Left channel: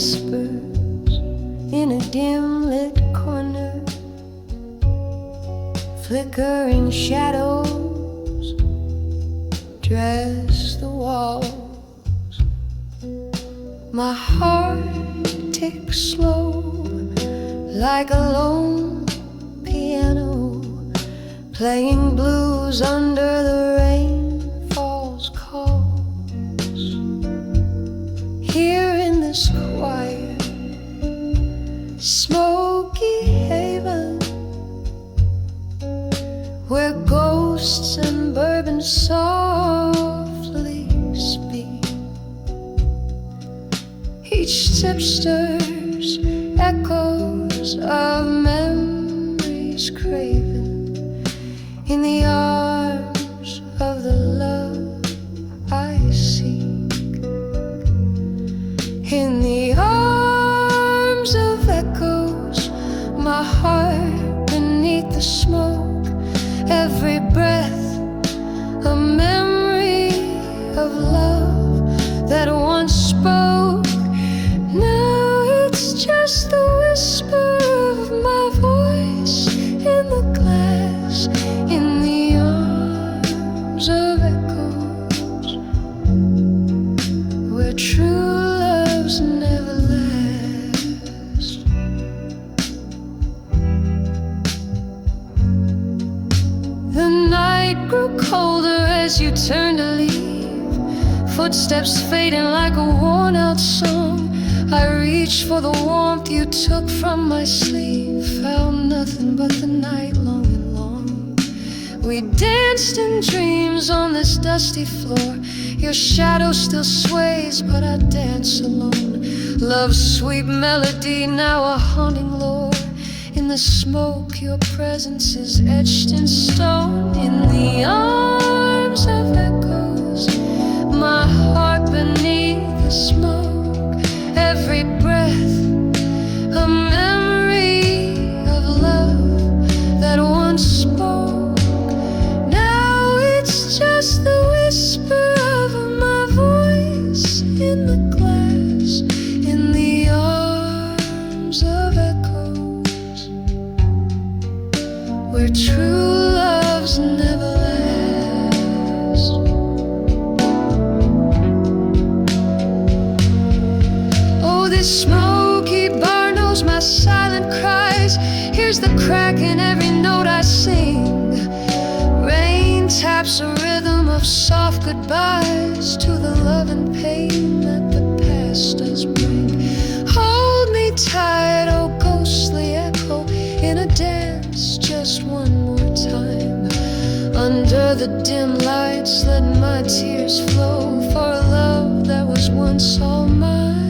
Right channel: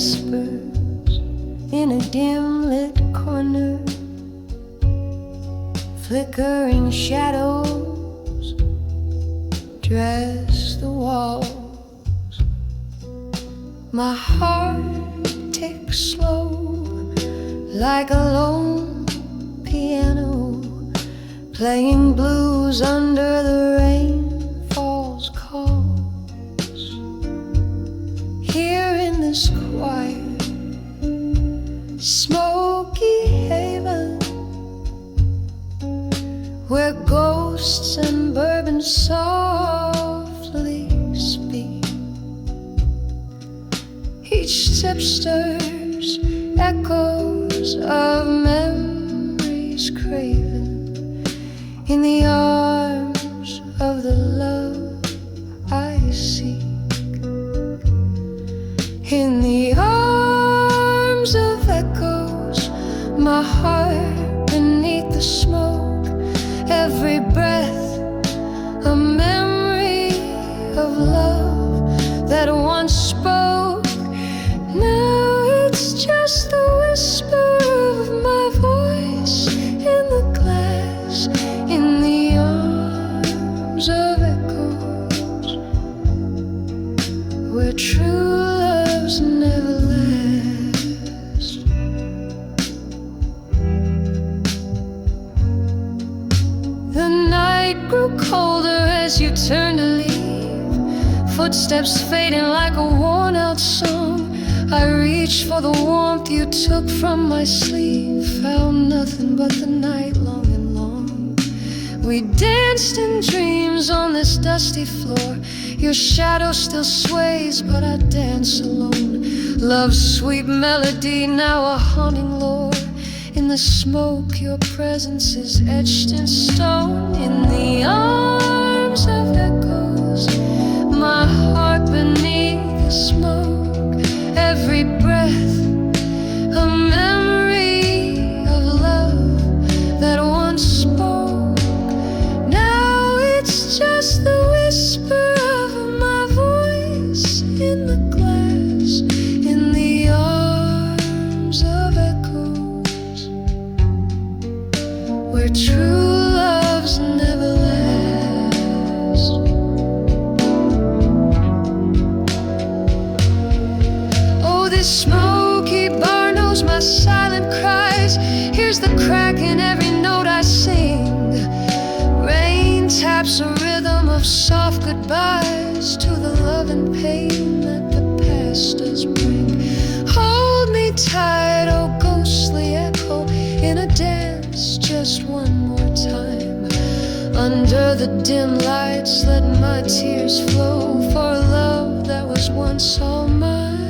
whispers in a dim lit corner, flickering shadows dress the walls. My heart ticks slow like a lone piano, playing blues under the rainfall's calls. Here in this quiet, smoky haven, where ghosts and bourbon softly speak, each sip stirs echoes of memories craven in the arms of the love I seek. In the arms of echoes, my heart beneath the smoke, every breath a memory of love that once spoke. Now it's just the whisper of my voice in the glass, in the arms of echoes, where true loves never last. The night grew colder as you turned to leave, footsteps fading like a worn-out song. I reached for the warmth you took from my sleeve, found nothing but the night long and long. We danced in dreams on this dusty floor. Your shadow still sways, but I dance alone. Love's sweet melody, now a haunting lore. In the smoke, your presence is etched in stone. In the arms of echoes, my heart beneath the smoke, every breath a memory of love that once spoke. Now it's just the whisper of my voice in the glass, in the arms of echoes, where true loves never last. Oh, this smoky bar knows my silent cries. Here's the crack in every note I sing. Rain taps a rhythm of soft goodbyes to the love and pain that the past does bring. Hold me tight, oh ghostly echo, in a dance just one more time. Under the dim lights, let my tears flow for a love that was once all mine.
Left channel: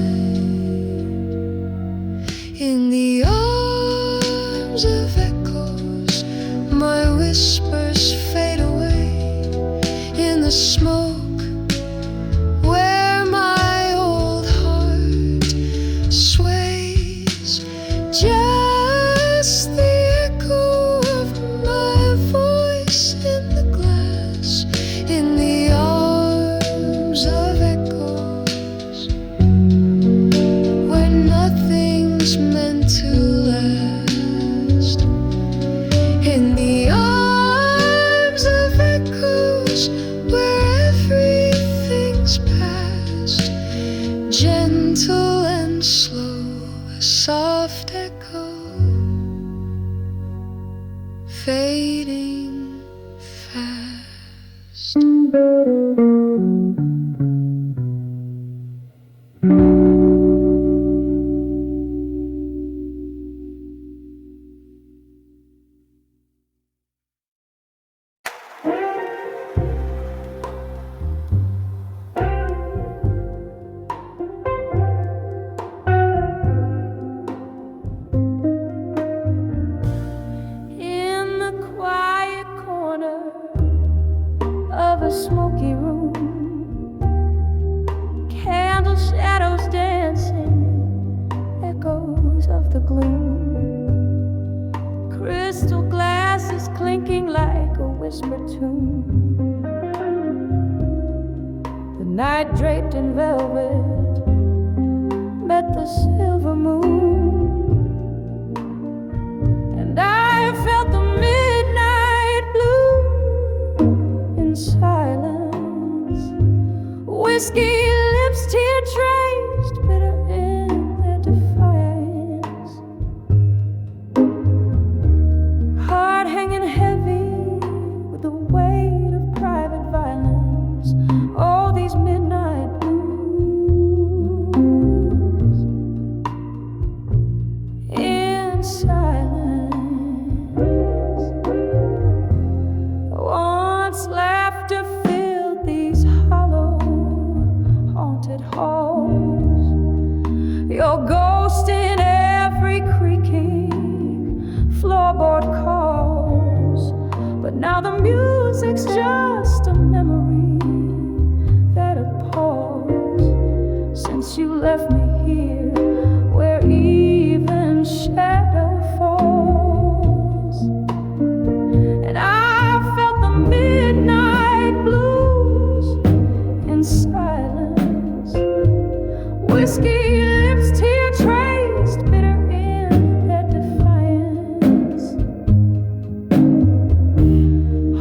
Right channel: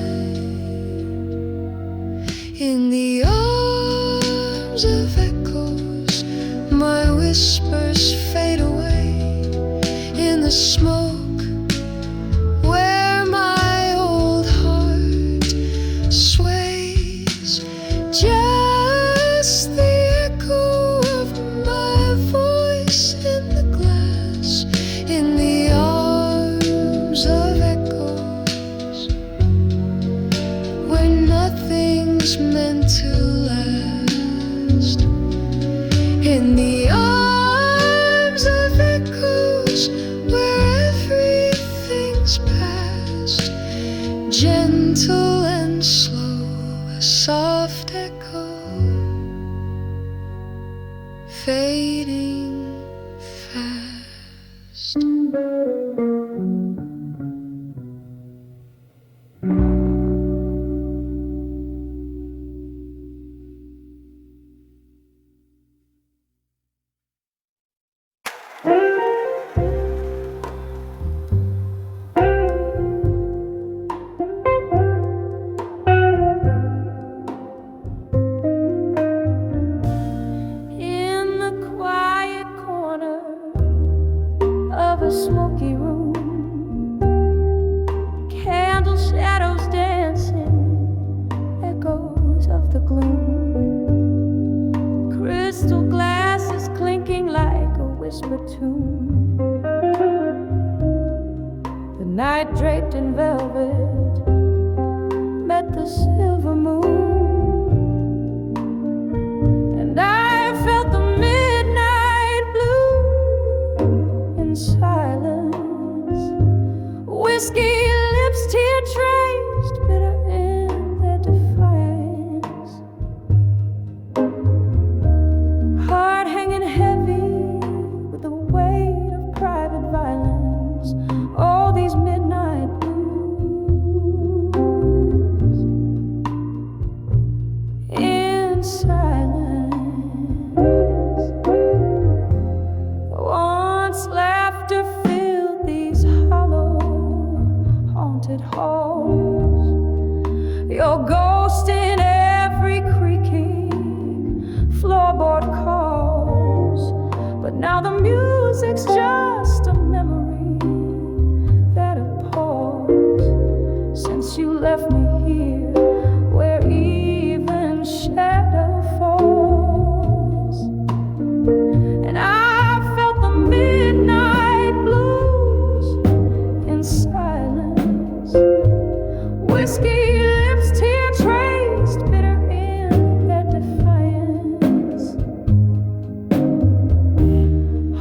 In the arms of echoes, my whispers fade away. In the smoke, where my old heart sways, just the echo of my voice in the glass, in the arms of echoes, where nothing's meant to last. In the arms of echoes, where everything's past, gentle and slow, a soft echo, fading fast. Smoky room, candle shadows dancing, echoes of the gloom, crystal glasses clinking like a whispered tune. The night draped in velvet met the silver moon, and I felt the midnight blue in silence. Whiskey lips, tear traced, bitter in their defiance. Heart hanging heavy with the weight of private violence. All these midnight blues in silence. Once laughter filled these hollow, haunted halls. Your ghost in every creaking floorboard calls. But now the music's just a memory that appalls. Since you left me here, where even shadow falls, and I felt the midnight blues in silence. Whiskey lips, tear traced, bitter in their defiance.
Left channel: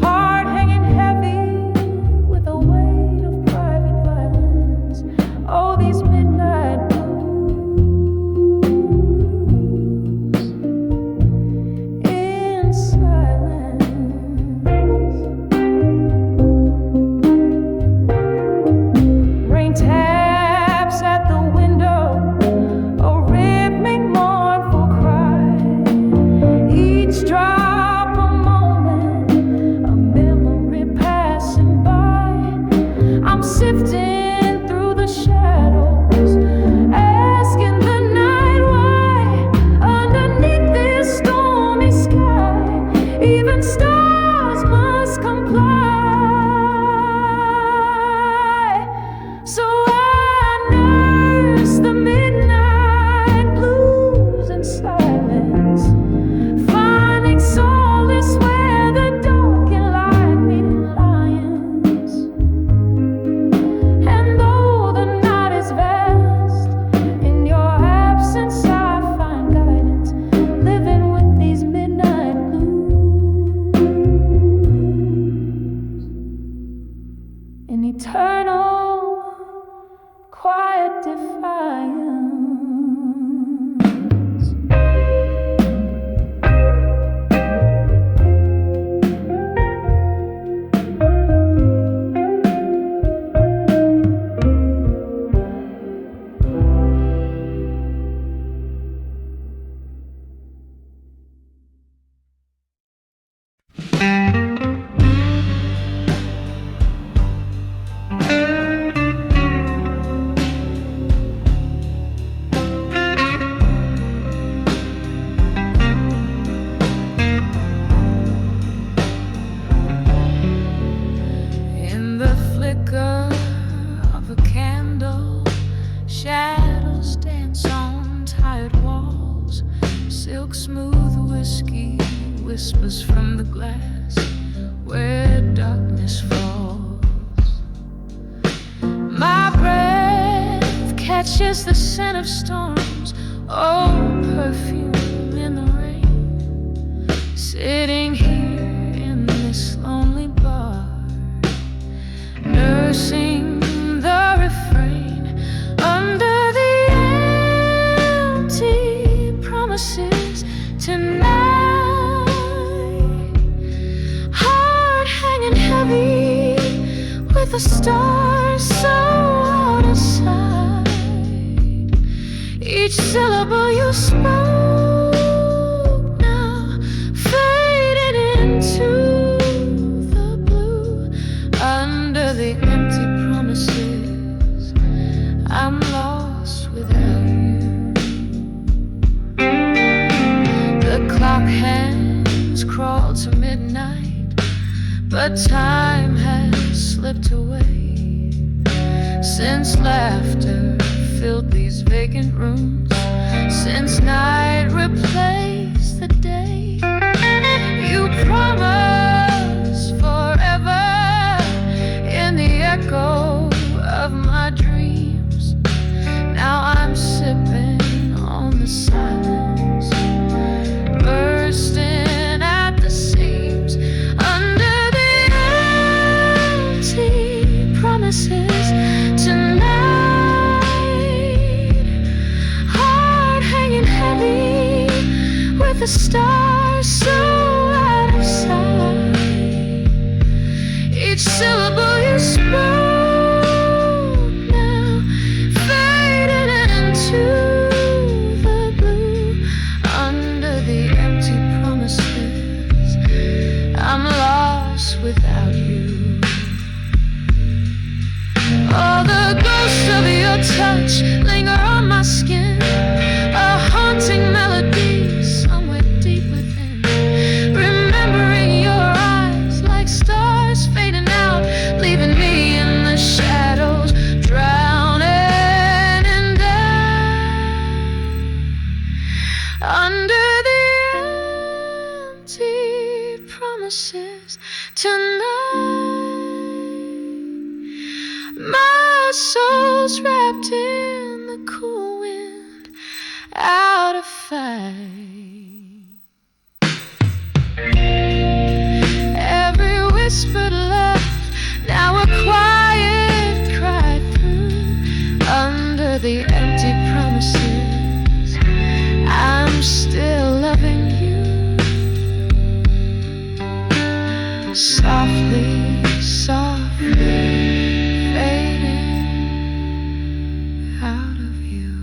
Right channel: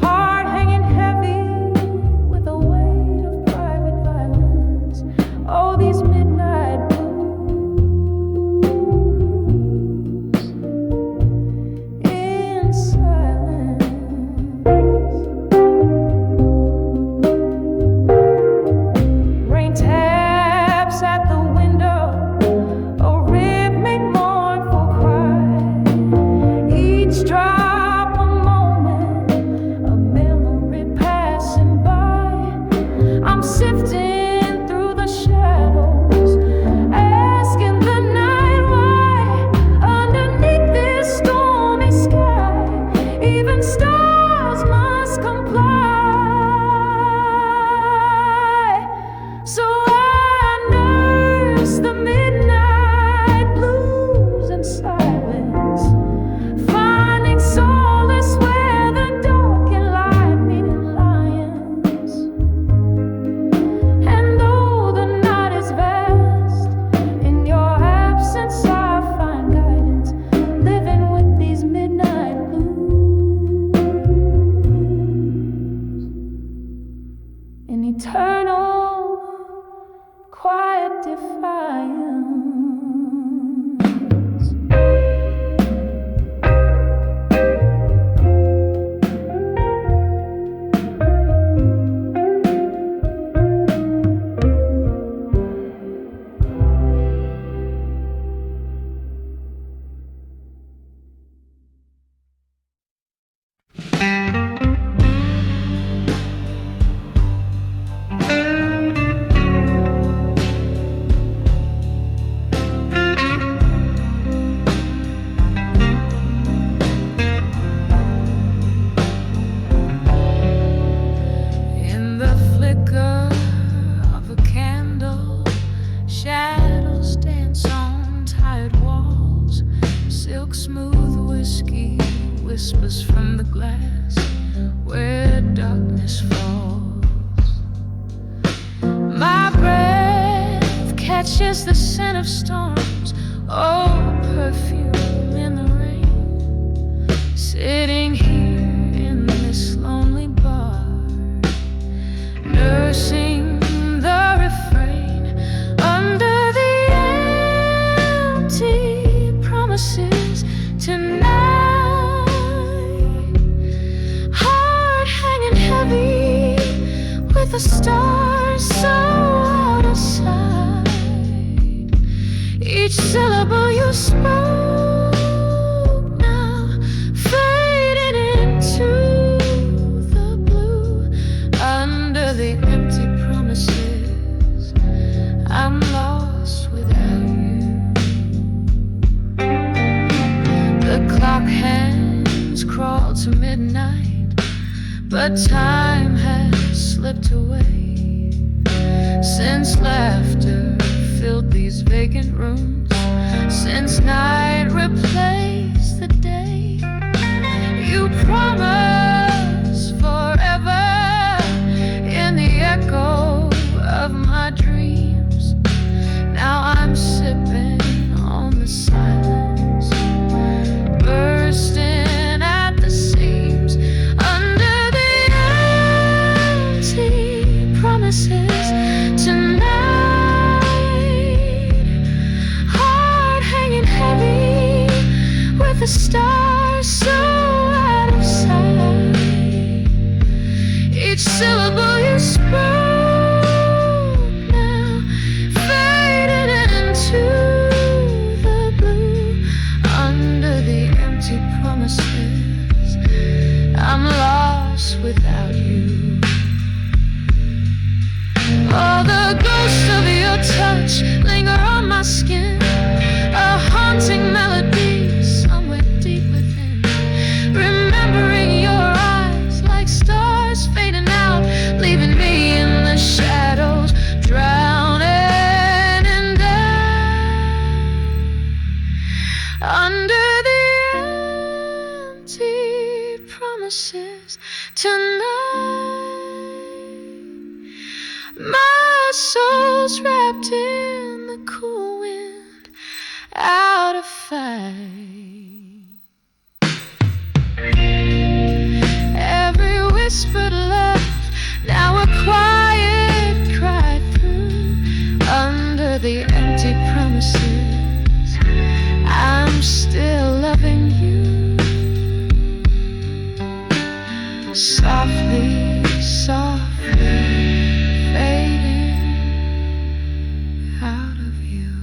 Heart hanging heavy with the weight of private violence. Oh, these midnight blues in silence. Rain taps at the window, a rhythmic mournful cry. Each drop a moment, a memory passing by. I'm sifting through the shadows, asking the night why. Underneath this stormy sky, even stars must comply. So I nurse the midnight blues in silence, finding solace where the dark and light meet in lions. And though the night is vast, in your absence I find guidance, living with these midnight blues in eternal quiet defiance. In the flicker of a candle, shadows dance on tired walls. Silk smooth whiskey whispers from the glass where darkness falls. My breath catches the scent of storms, oh, perfume in the rain. Sitting here in this lonely bar, nursing the refrain under the empty promises tonight. Heart hanging heavy with the stars so out of sight. Each syllable you spoke now faded into the blue. Under the empty promises, I'm lost without you. The clock hands crawl to midnight, but time has slipped away. Since laughter filled these vacant rooms, since night replaced the day, you promised forever in the echo of my dreams. Now I'm sipping on the silence, bursting at the seams under the empty promises tonight. Heart hanging heavy with the stars so out of sight. Each syllable you spoke now faded into the blue. Under the empty promises, I'm lost without you. Oh, the ghost of your touch linger on my skin, a haunting melody somewhere deep within. Remembering your eyes like stars fading out, leaving me in the shadows, drowning in doubt. Under the empty promises tonight, my soul's wrapped in the cool wind, out of fight. Every whispered love, now a quiet cry through. Under the empty promises, I'm still loving you. Softly, softly fading out of you.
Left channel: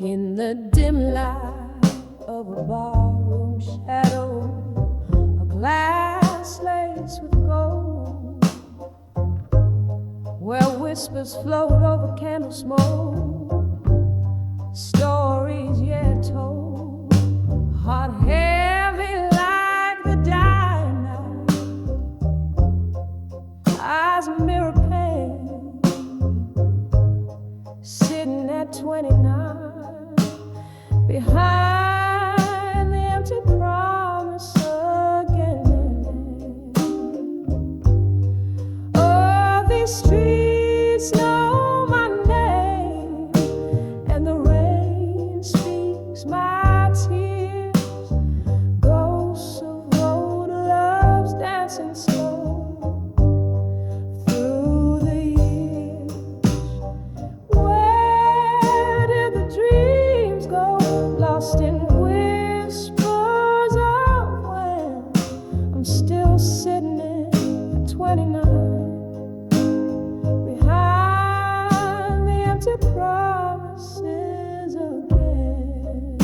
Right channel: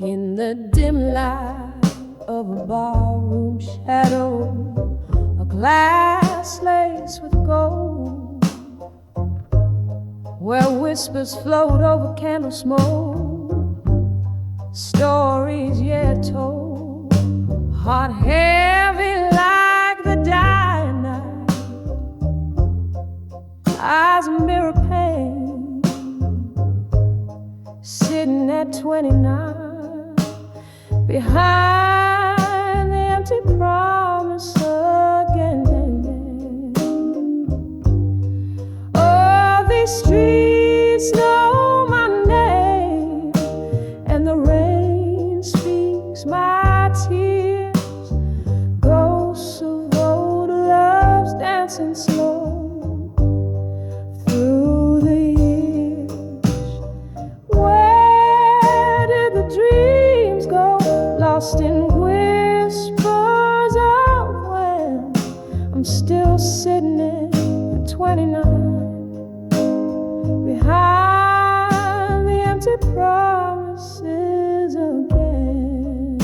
In the dim light of a barroom shadow, a glass laced with gold, where whispers float over candle smoke, stories yet told, heart heavy like the dying night, eyes mirror pain, sitting at 29 behind the empty promise again. Oh, these streets know my name, and the rain speaks my tears. Ghosts of old loves dancing slow through the years. Where did the dreams go? Lost in whispers of when I'm still sitting at 29 behind the empty promises again.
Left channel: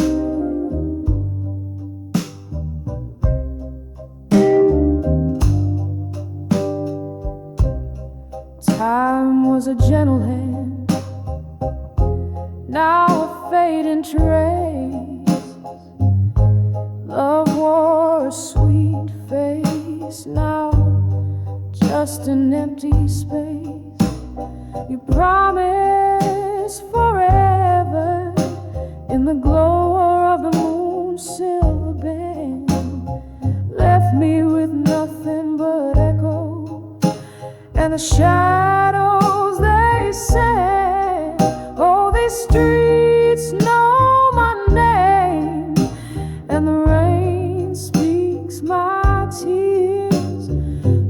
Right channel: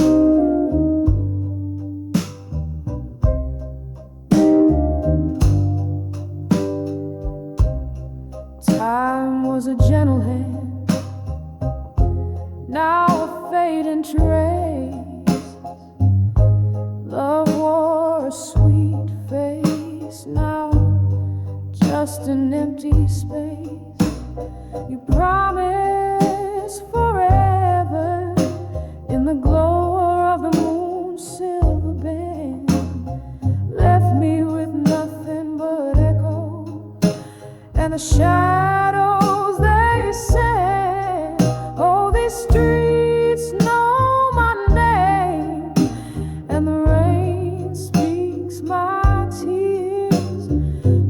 Time was a gentle hand, now a fading trace. Love wore a sweet face, now just an empty space. You promised forever in the glow of the moon's silver band, left me with nothing but echoes and the shadows they said. Oh, these streets know my name, and the rain speaks my tears.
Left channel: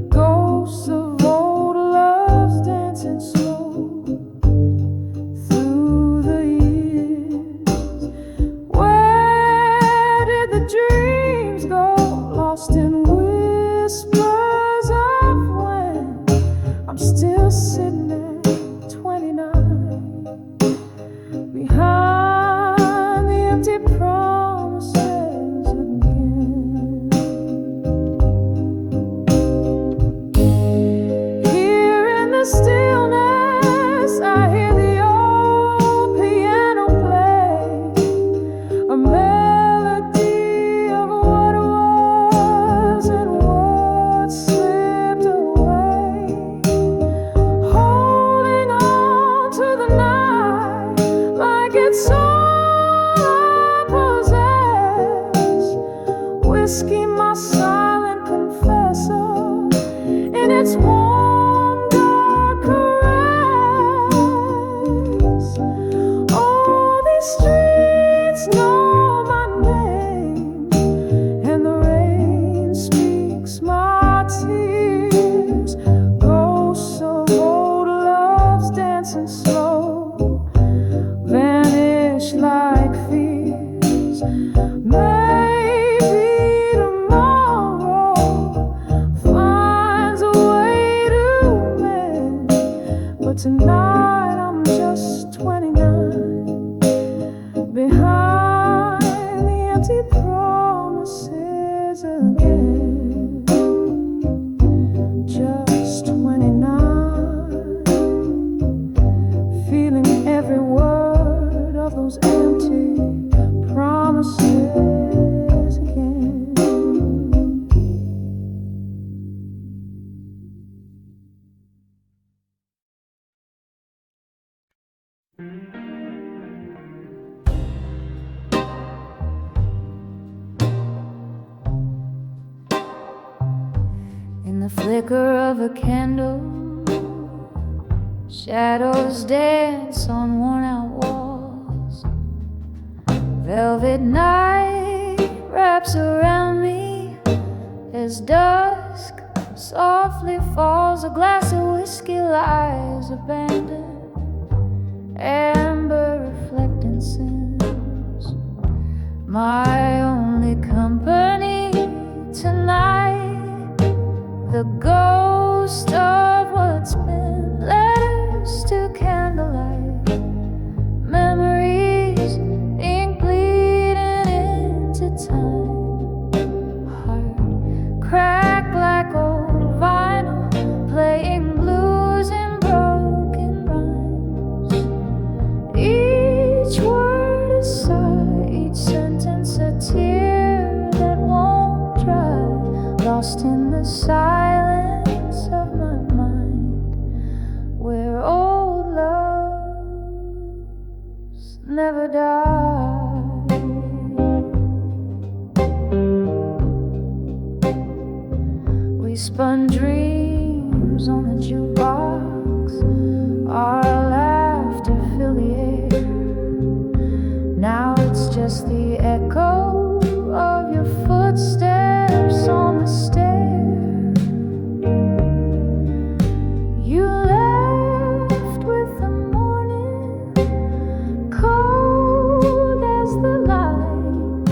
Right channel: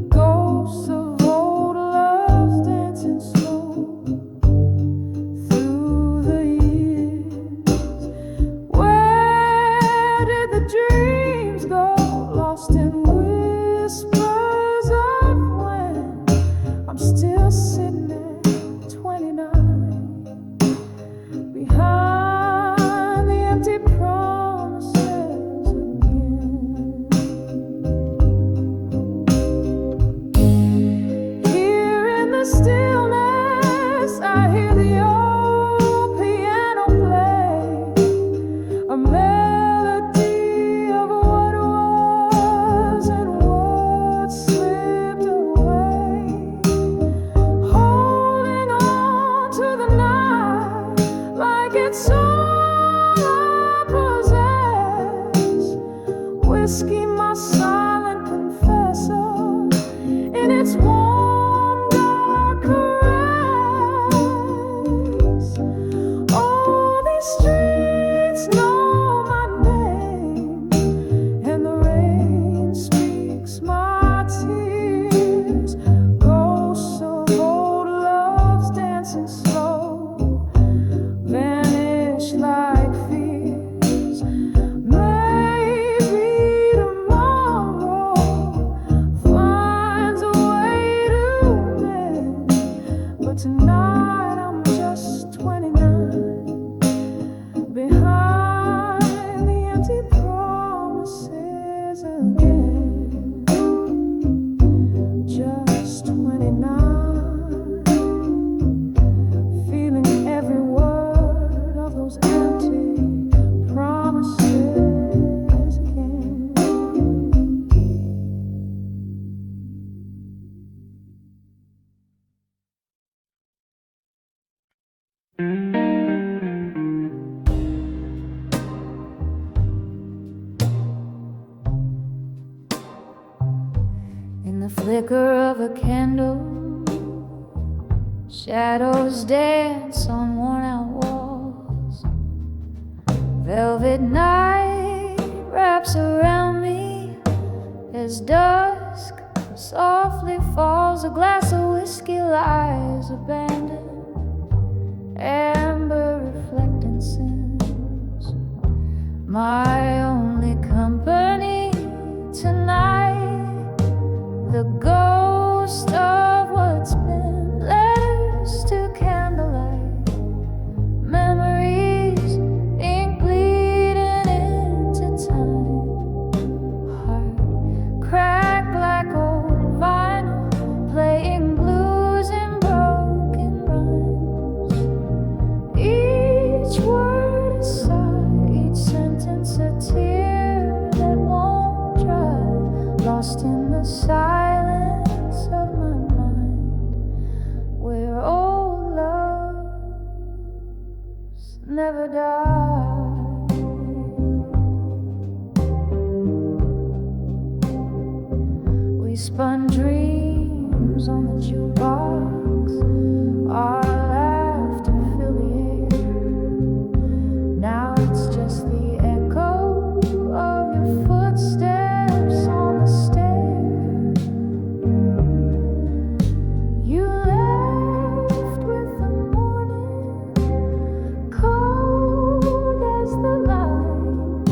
Ghosts of old loves dancing slow through the years. Where did the dreams go? Lost in whispers of when I'm still sitting at 29 behind the empty promises again. Here in the stillness, I hear the old piano play, a melody of what was and what slipped away, holding on to the night It's all I possess. Whiskey, my silent confessor, in its warm, dark caress. Oh, these streets know my name, and the rain speaks my tears. Ghosts of old loves dancing slow vanish like fears. Maybe tomorrow finds a way to mend, but tonight I'm just 29, behind the empty promises again. Just 29, feeling every word of those empty promises again. In the flicker of a candle, shadows dance on worn-out walls. Velvet night wraps around me as dusk softly falls. A glass of whiskey lies abandoned, amber reflecting sins. My only company tonight, the ghost of what's been. Letters to candlelight, memories, ink bleeding into time. Heart cracked like old vinyl, playing blues in broken rhymes. Each word a sigh, each sentence a tear that won't dry, lost in the silence of my mind, where old loves never die. We spun dreams on the jukebox, our laughter filled the air. Now it's just the echo of your footsteps on the stair. You left with the morning, cold as the light.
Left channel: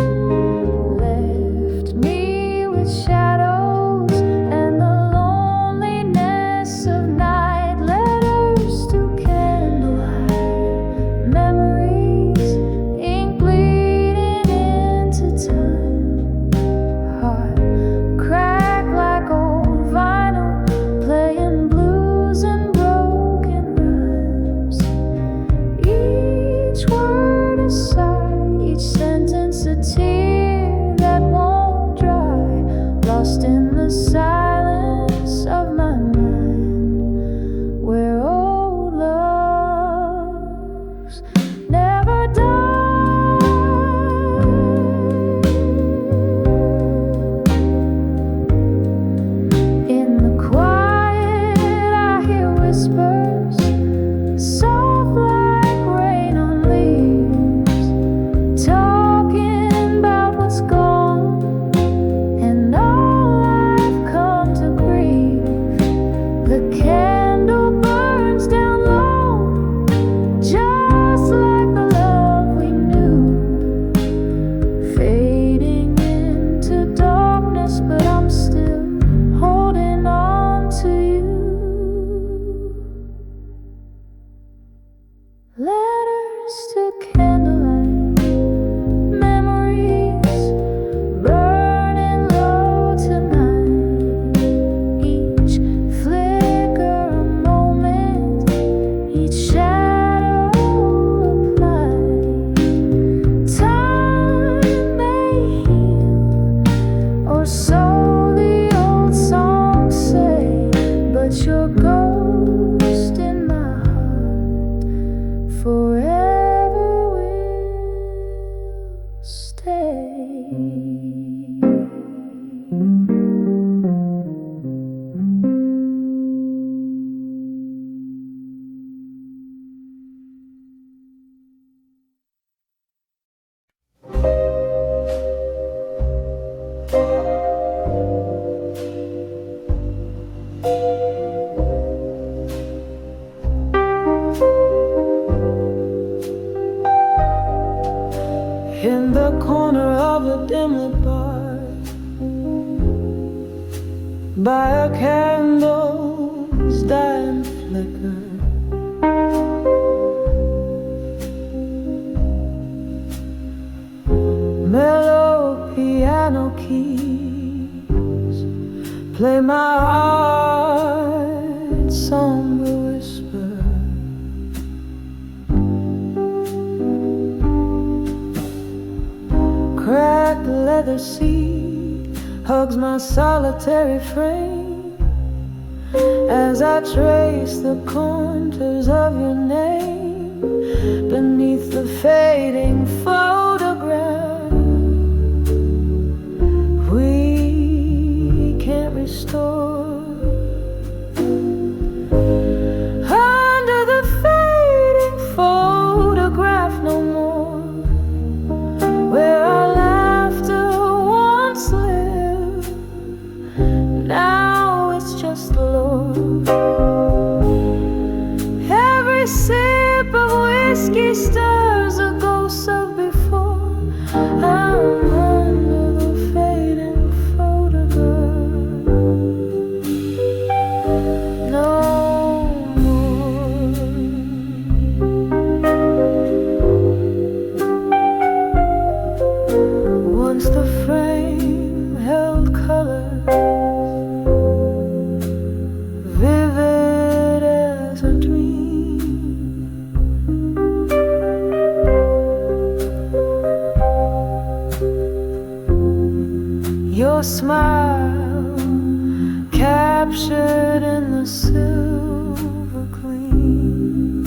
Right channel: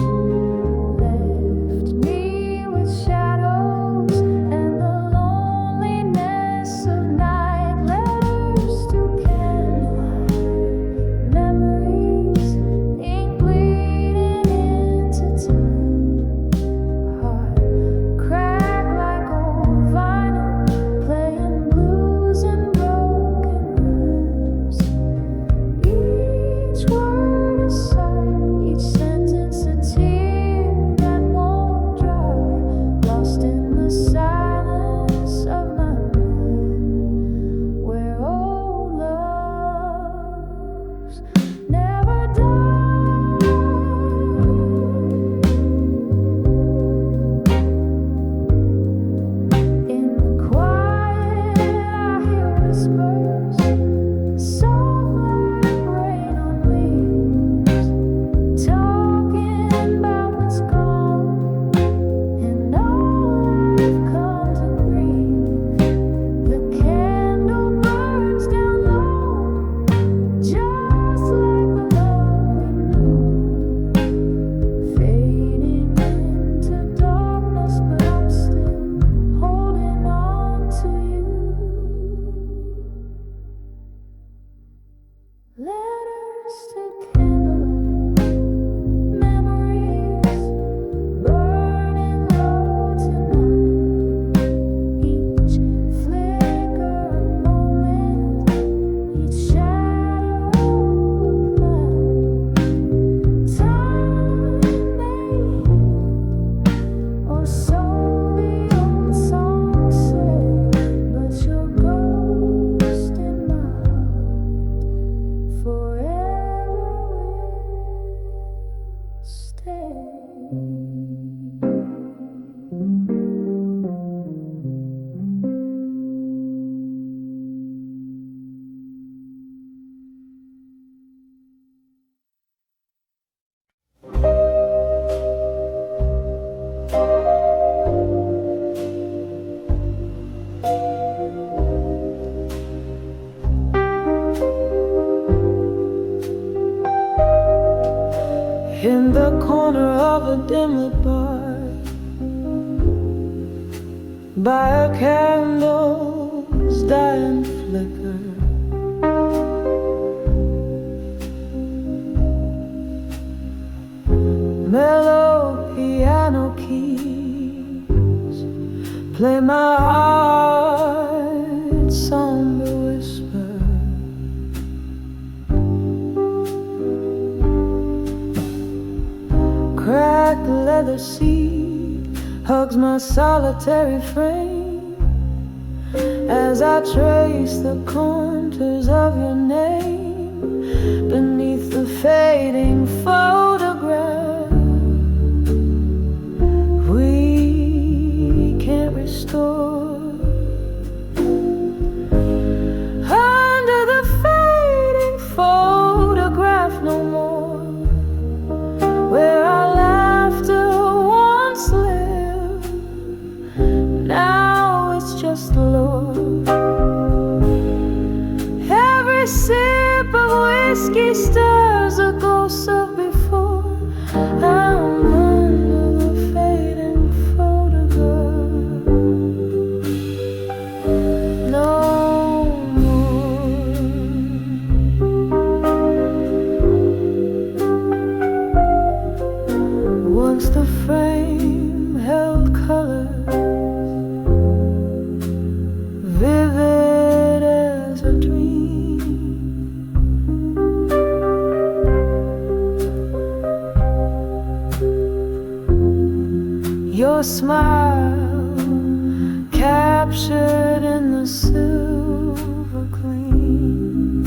Left me with shadows and the loneliness of night. Letters to candlelight, memories, ink bleeding into time. Heart cracked like old vinyl, playing blues and broken rhymes. Each word a sigh, each sentence a tear that won't dry, lost in the silence of my mind, where old loves never die. In the quiet I hear whispers, soft like rain on leaves, talking about what's gone and all I've come to grieve. The candle burns down low, just like the love we knew, fading into darkness, but I'm still holding on to you. Letters to candlelight, memories burning low tonight. Each flicker a moment, each shadow a light. Time may heal, or so the old songs say, but your ghost in my heart forever will in the corner of a dimly bar, by a candle's dying flicker. Mellow piano keys play my heart's somber whisper. Cracked leather seat hugs my solitary frame as I trace the contours of your name beneath the fading photograph we can't restore. Under the fading photograph no more, where our laughter once lived, now it's just lore. Every sip of whiskey stirs the ghosts of before. I'm under the fading photograph no more. Once the frame held colors vivid as a dream. Your smile captured in the silver gleam.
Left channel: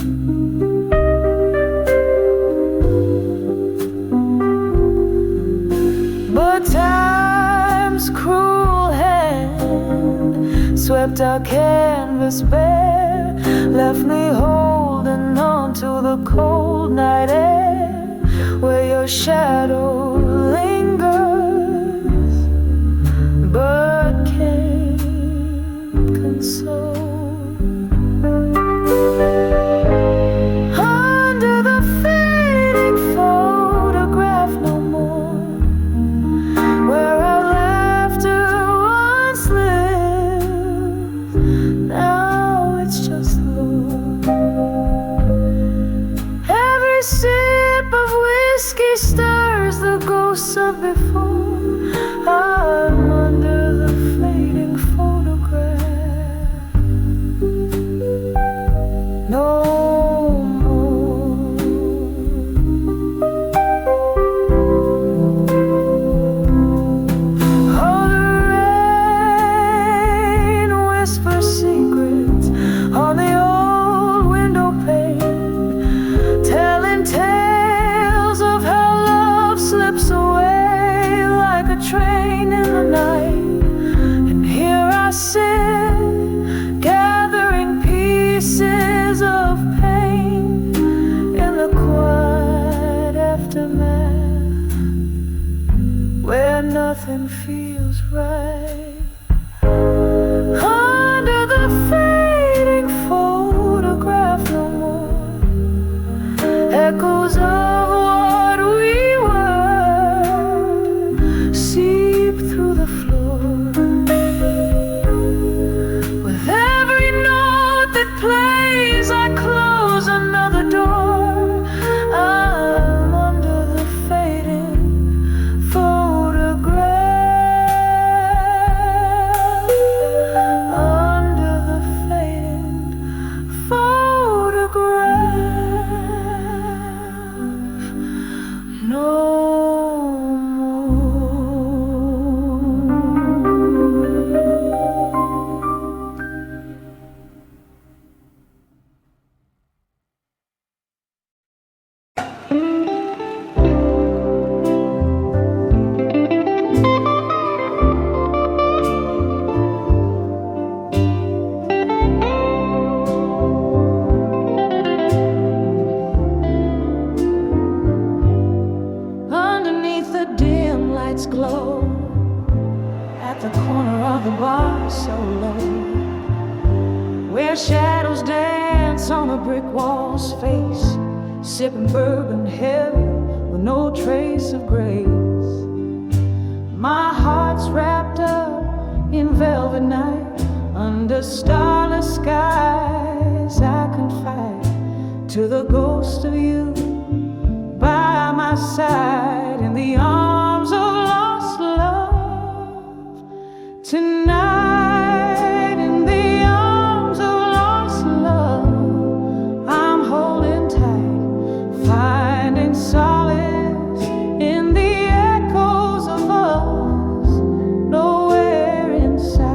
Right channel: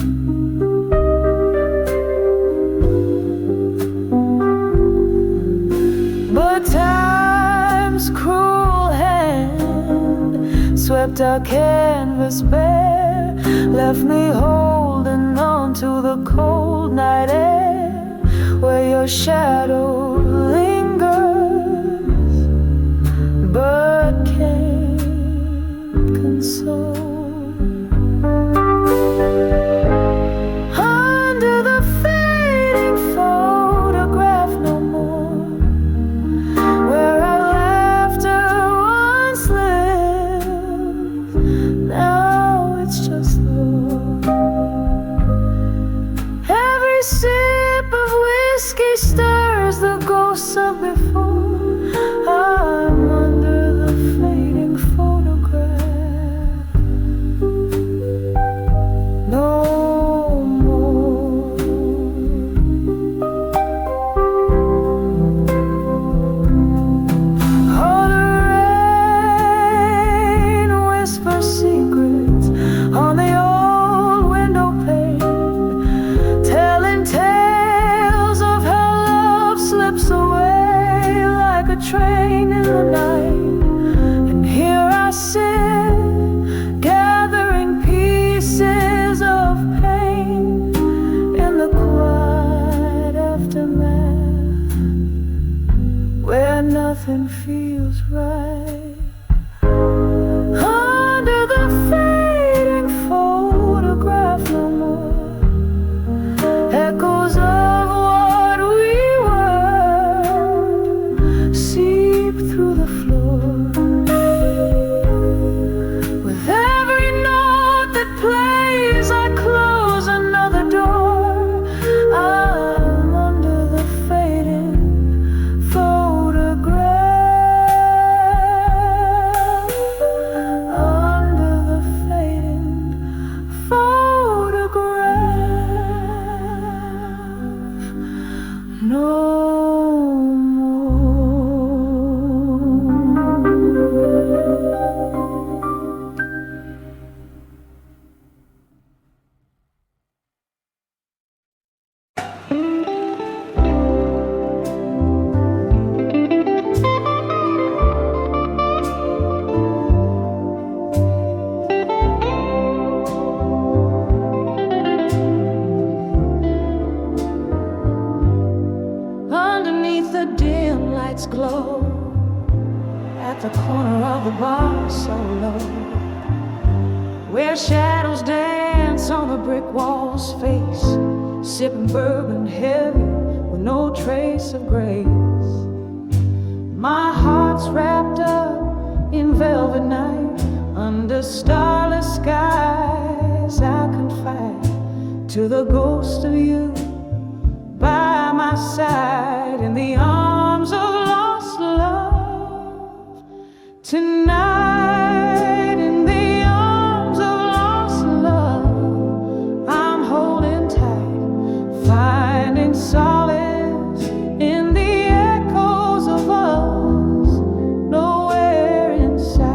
But time's cruel hand swept our canvas bare, left me holding on to the cold night air, where your shadow lingers but can't console. Under the fading photograph no more, where our laughter once lived, now it's just lore. Every sip of whiskey stirs the ghosts of before. I'm under the fading photograph no more. Oh, the rain whispers secrets on the old window pane, telling tales of how love slips away like a train in the night. And here I sit, gathering pieces of pain in the quiet aftermath, where nothing feels right. Under the fading photograph no more, echoes of what we were seep through the floor. With every note that plays, I close another door. I'm under the fading photograph, under the fading photograph no more. Underneath the dim lights glow at the corner of the bar so low, where shadows dance on the brick wall's face, sipping bourbon heavy with no trace of grace. My heart's wrapped up in velvet night, under starless skies I confide to the ghost of you by my side, in the arms of lost love tonight. In the arms of lost love I'm holding tight, finding solace in the echoes of us, nowhere inside.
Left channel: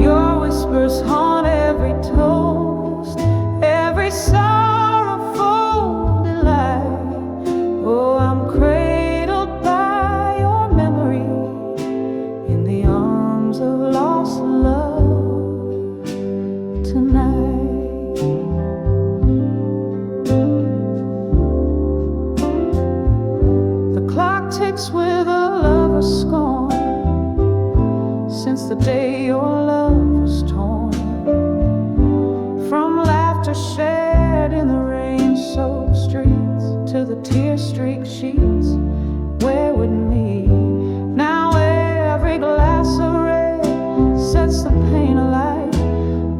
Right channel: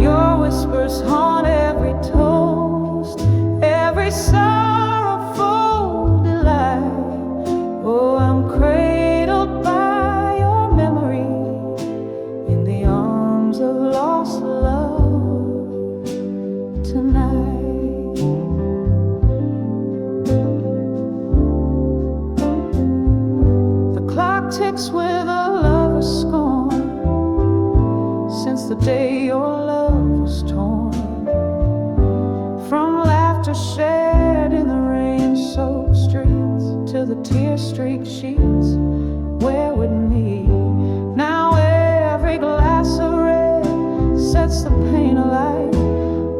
Your whispers haunt every toast, every sorrowful delight. Oh, I'm cradled by your memory in the arms of lost love tonight. The clock ticks with a lover's scorn, since the day your love was torn from laughter shared in the rain-soaked streets to the tear-streaked sheets where would me. Now every glass of red sets the pain alight.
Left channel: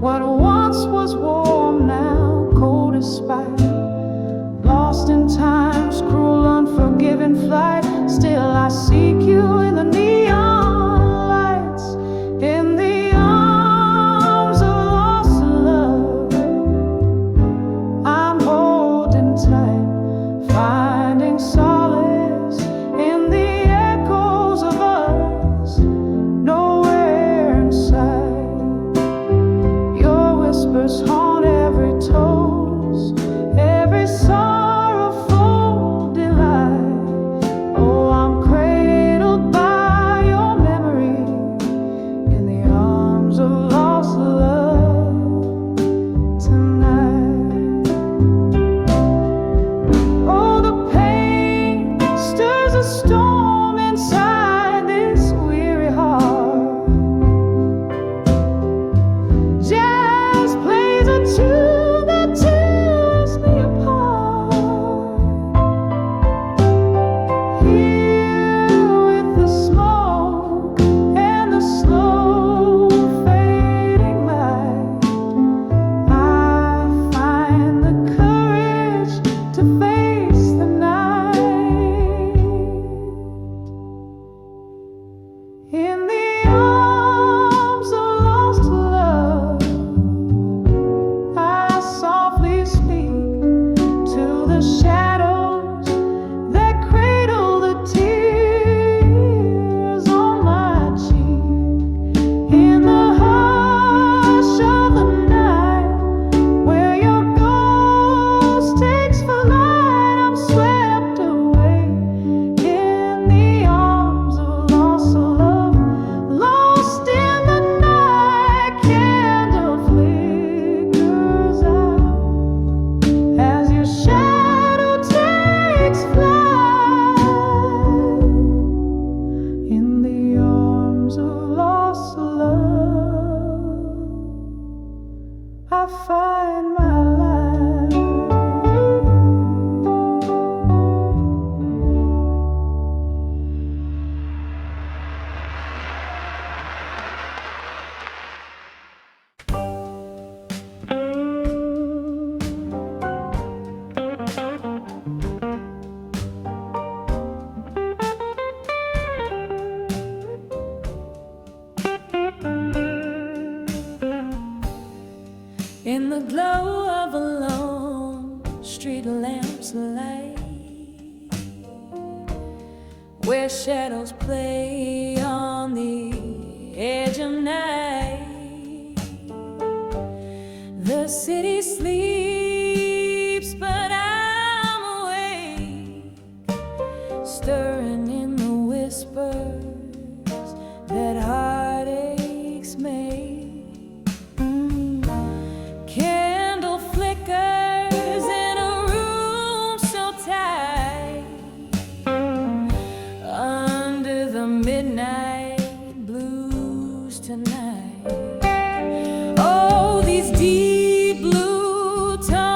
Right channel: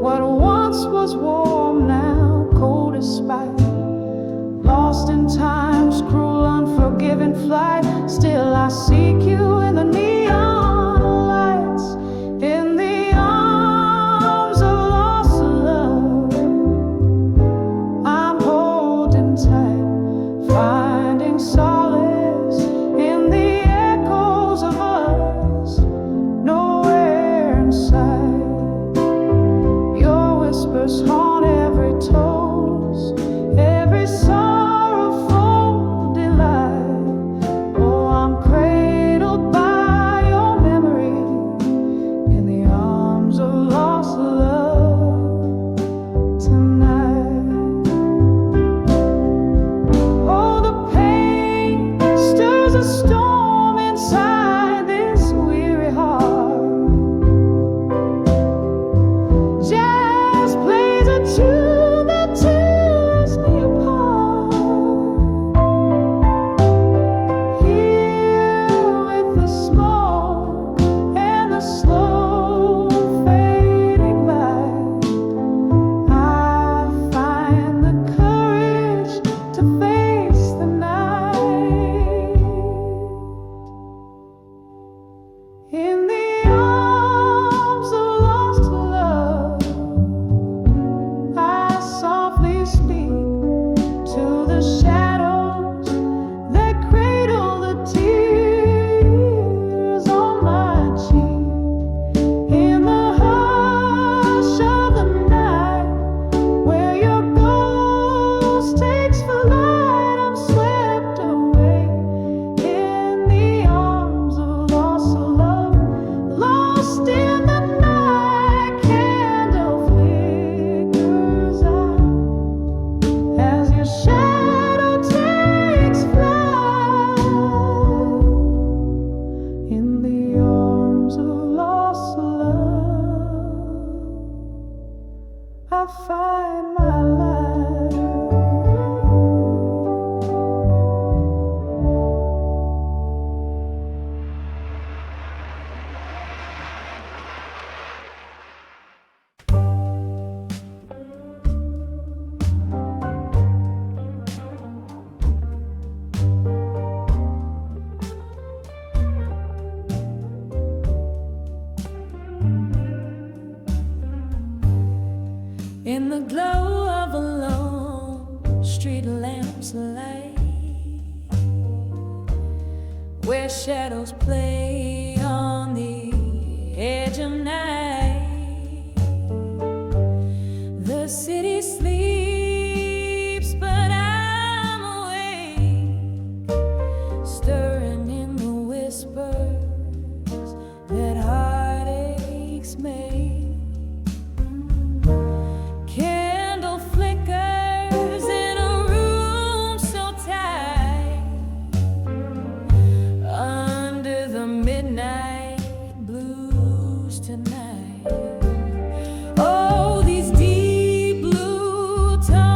What once was warm now cold as spite, lost in time's cruel unforgiving flight. Still I seek you in the neon lights, in the arms of lost love I'm holding tight, finding solace in the echoes of us, nowhere inside. Your whispers haunt every toast, every sorrowful delight. Oh, I'm cradled by your memory in the arms of lost love tonight. Oh, the pain stirs a storm inside this weary heart. Jazz plays a tune that tears me apart. Here with the smoke and the slow fading light, I find the courage to face the night. In the arms of lost love I softly speak to the shadows that cradle the tears on my cheek. In the hush of the night, where your ghost takes flight, I'm swept away in the arms of lost love. Lost in the night, candle flickers out as your shadow takes flight. In the arms of lost love I find my life. In the glow of a lone street lamp's light, where shadows play on the edge of night, the city sleeps, but I'm awake, stirring in the whispers that heartaches make. Candle flickers in a room so tight, under the midnight blues tonight. Oh, these deep blue tones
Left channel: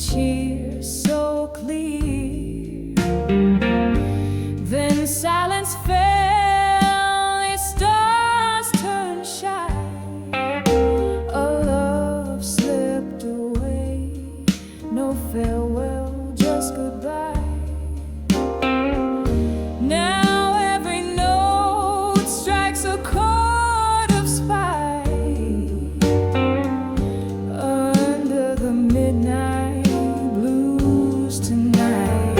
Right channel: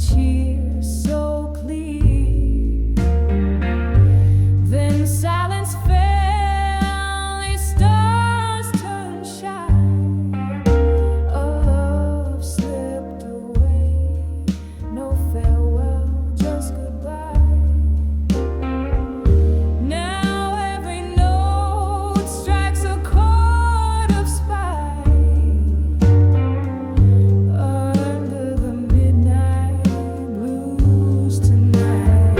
cheer so clear. Then silence fell, its stars turned shy. A love slipped away, no farewell, just goodbye. Now every note strikes a chord of spite. Under the midnight blues tonight.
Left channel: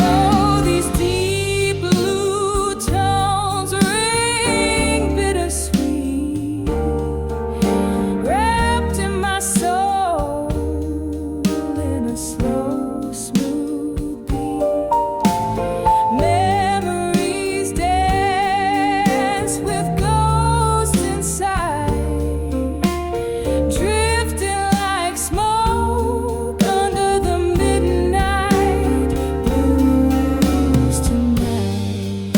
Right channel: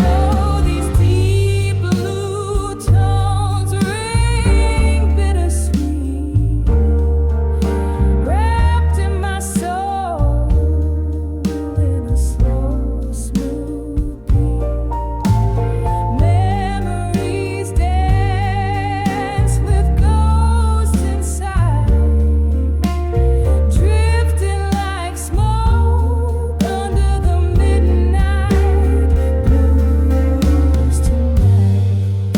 Oh, these deep blue tones ring bittersweet, wrapped in my soul in a slow, smooth beat. Memories dance with ghosts inside, drifting like smoke under the midnight blues tonight.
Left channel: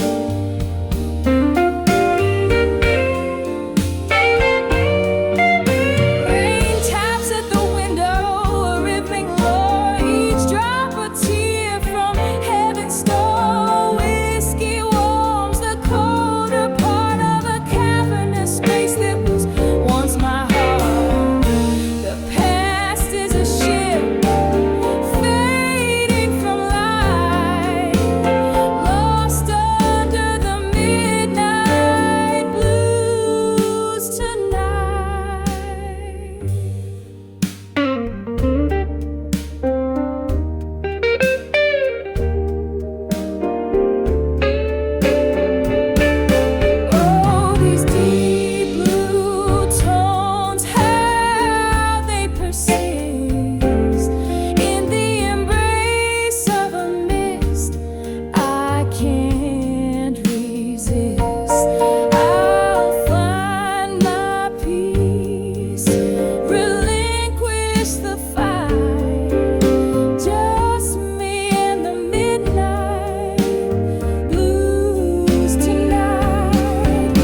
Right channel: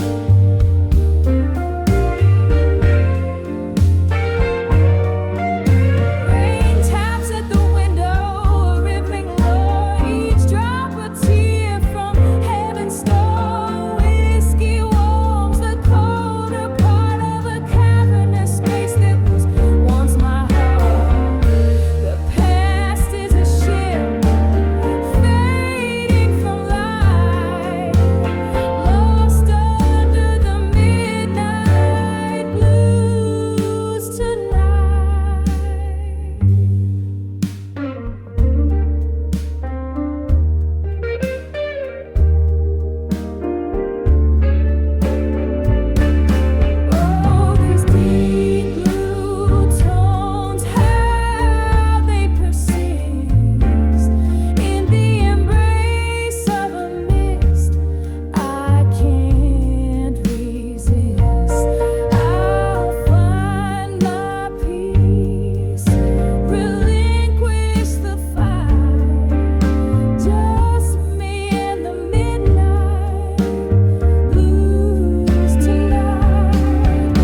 Rain taps at the window, a rhythmic lure, each drop a tear from heaven's store. Whiskey warms the colder part of a cavernous space that was once my heart. The past is a ship fading from light, lost under the midnight blues tonight. Oh, these deep blue tones, how they persist in the embrace of a mist I can't resist. I'll find my peace, relinquish the fight, just me and the midnight blues tonight.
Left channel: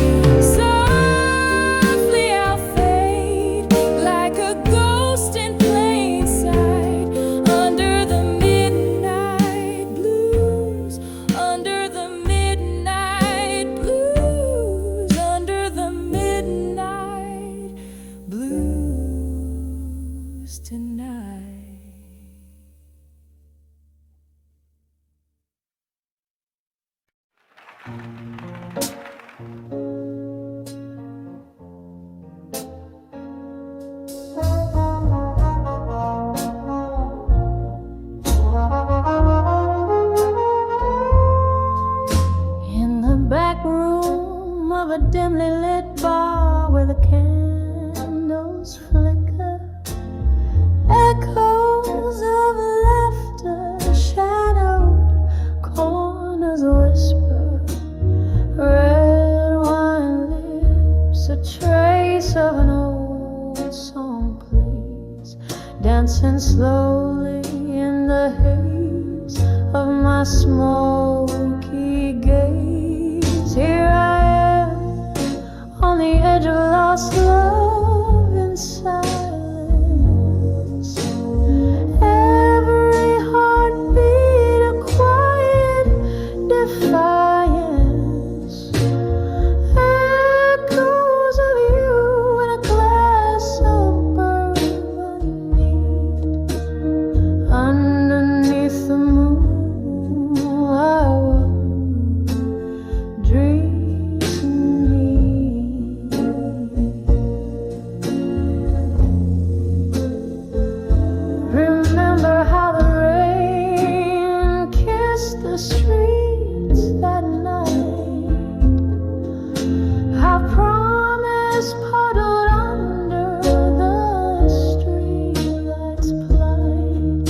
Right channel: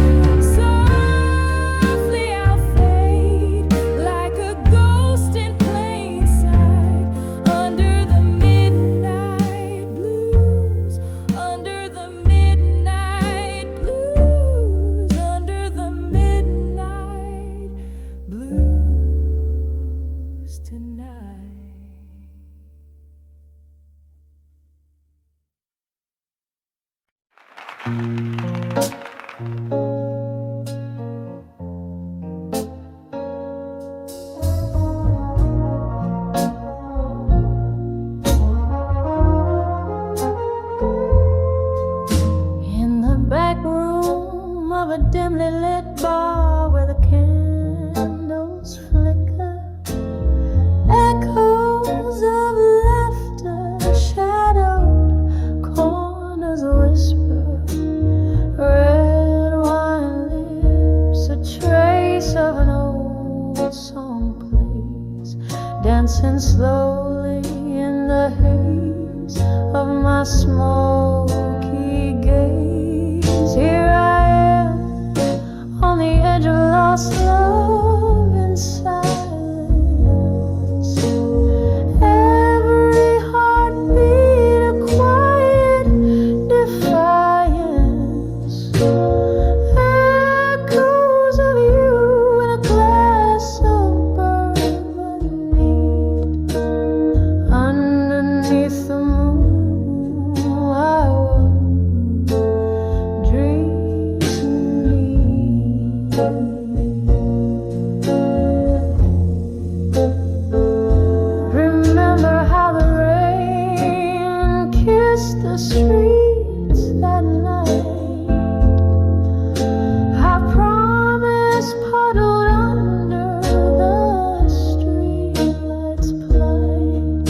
Softly I'll fade like a ghost in plain sight, under the midnight blues, under the midnight blues, under the midnight blues tonight. In the back room of a dimly lit bar where the candles flicker, echoes of laughter, shadowed corners whisper, red wine lips, a trace of an old song plays, dancing slowly in the haze of my smoky gaze. Here I am on the edge of lost love in silence. Every heartbeat a quiet defiance. Echoes of you in a glass of bourbon neat. Underneath the moon I was dreaming. Remember how the rain kissed the streets that night, how promise puddled under the streetlight's plight,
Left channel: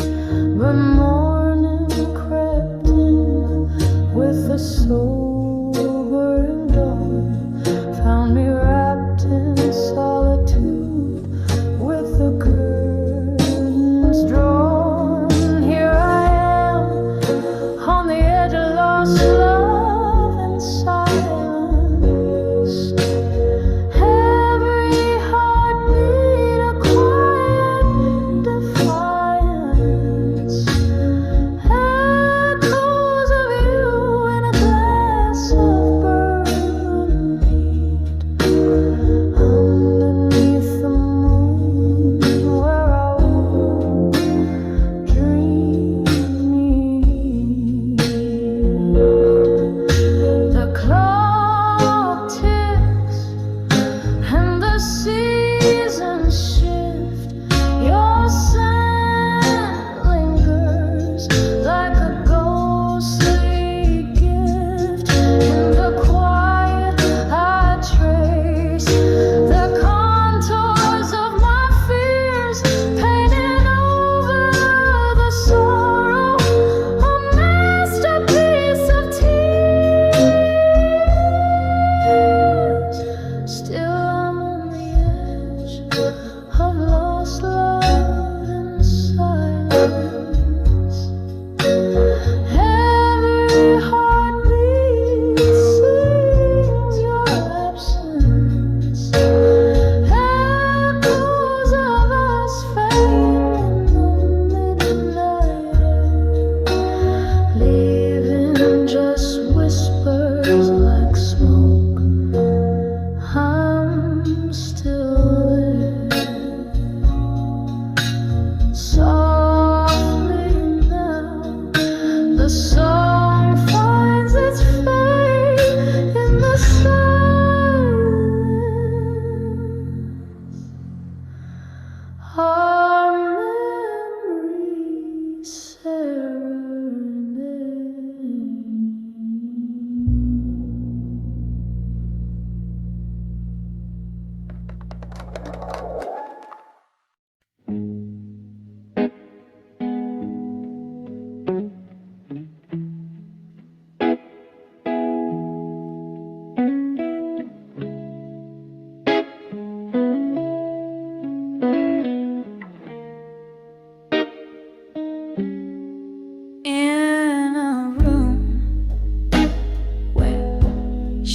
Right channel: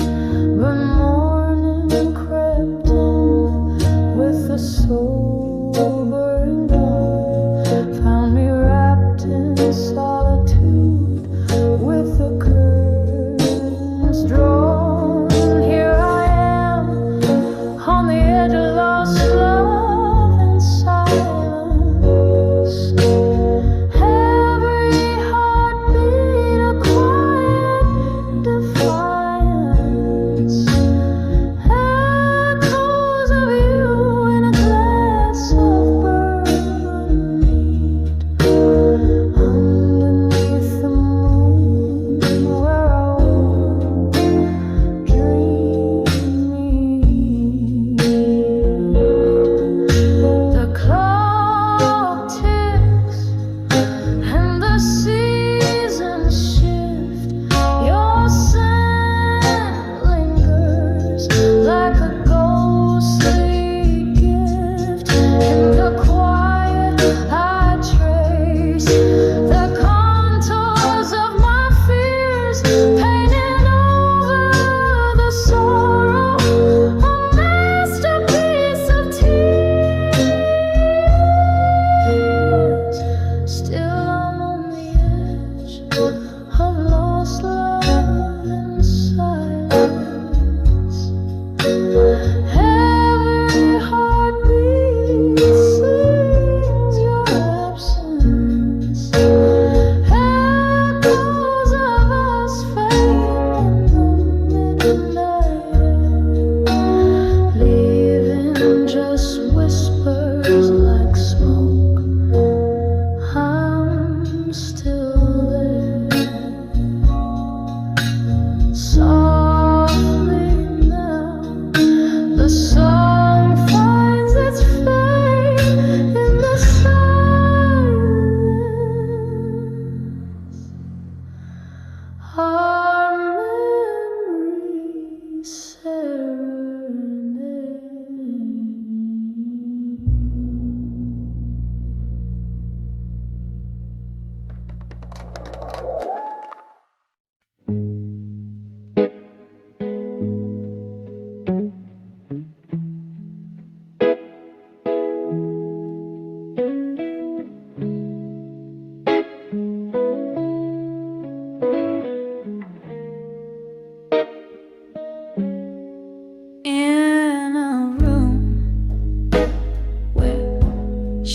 but morning crept in with the sobering dawn, found me wrapped in solitude with the curtains drawn. Here I am on the edge of lost love in silence. Every heartbeat a quiet defiance.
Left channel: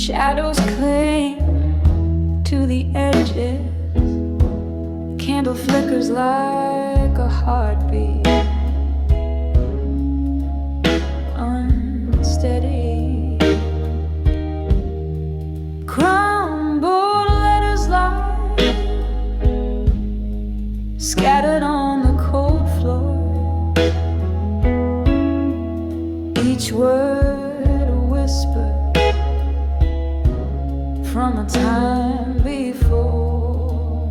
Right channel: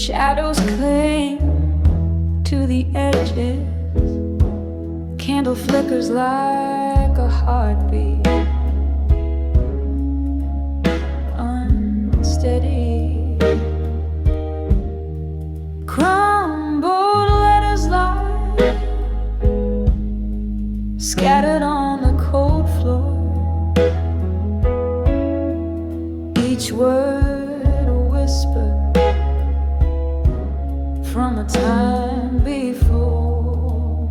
Shadows cling to the edges. Candle flickers like a heartbeat, unsteady. Crumbled letters lie scattered on the cold floor. Each word a whisper from a time before.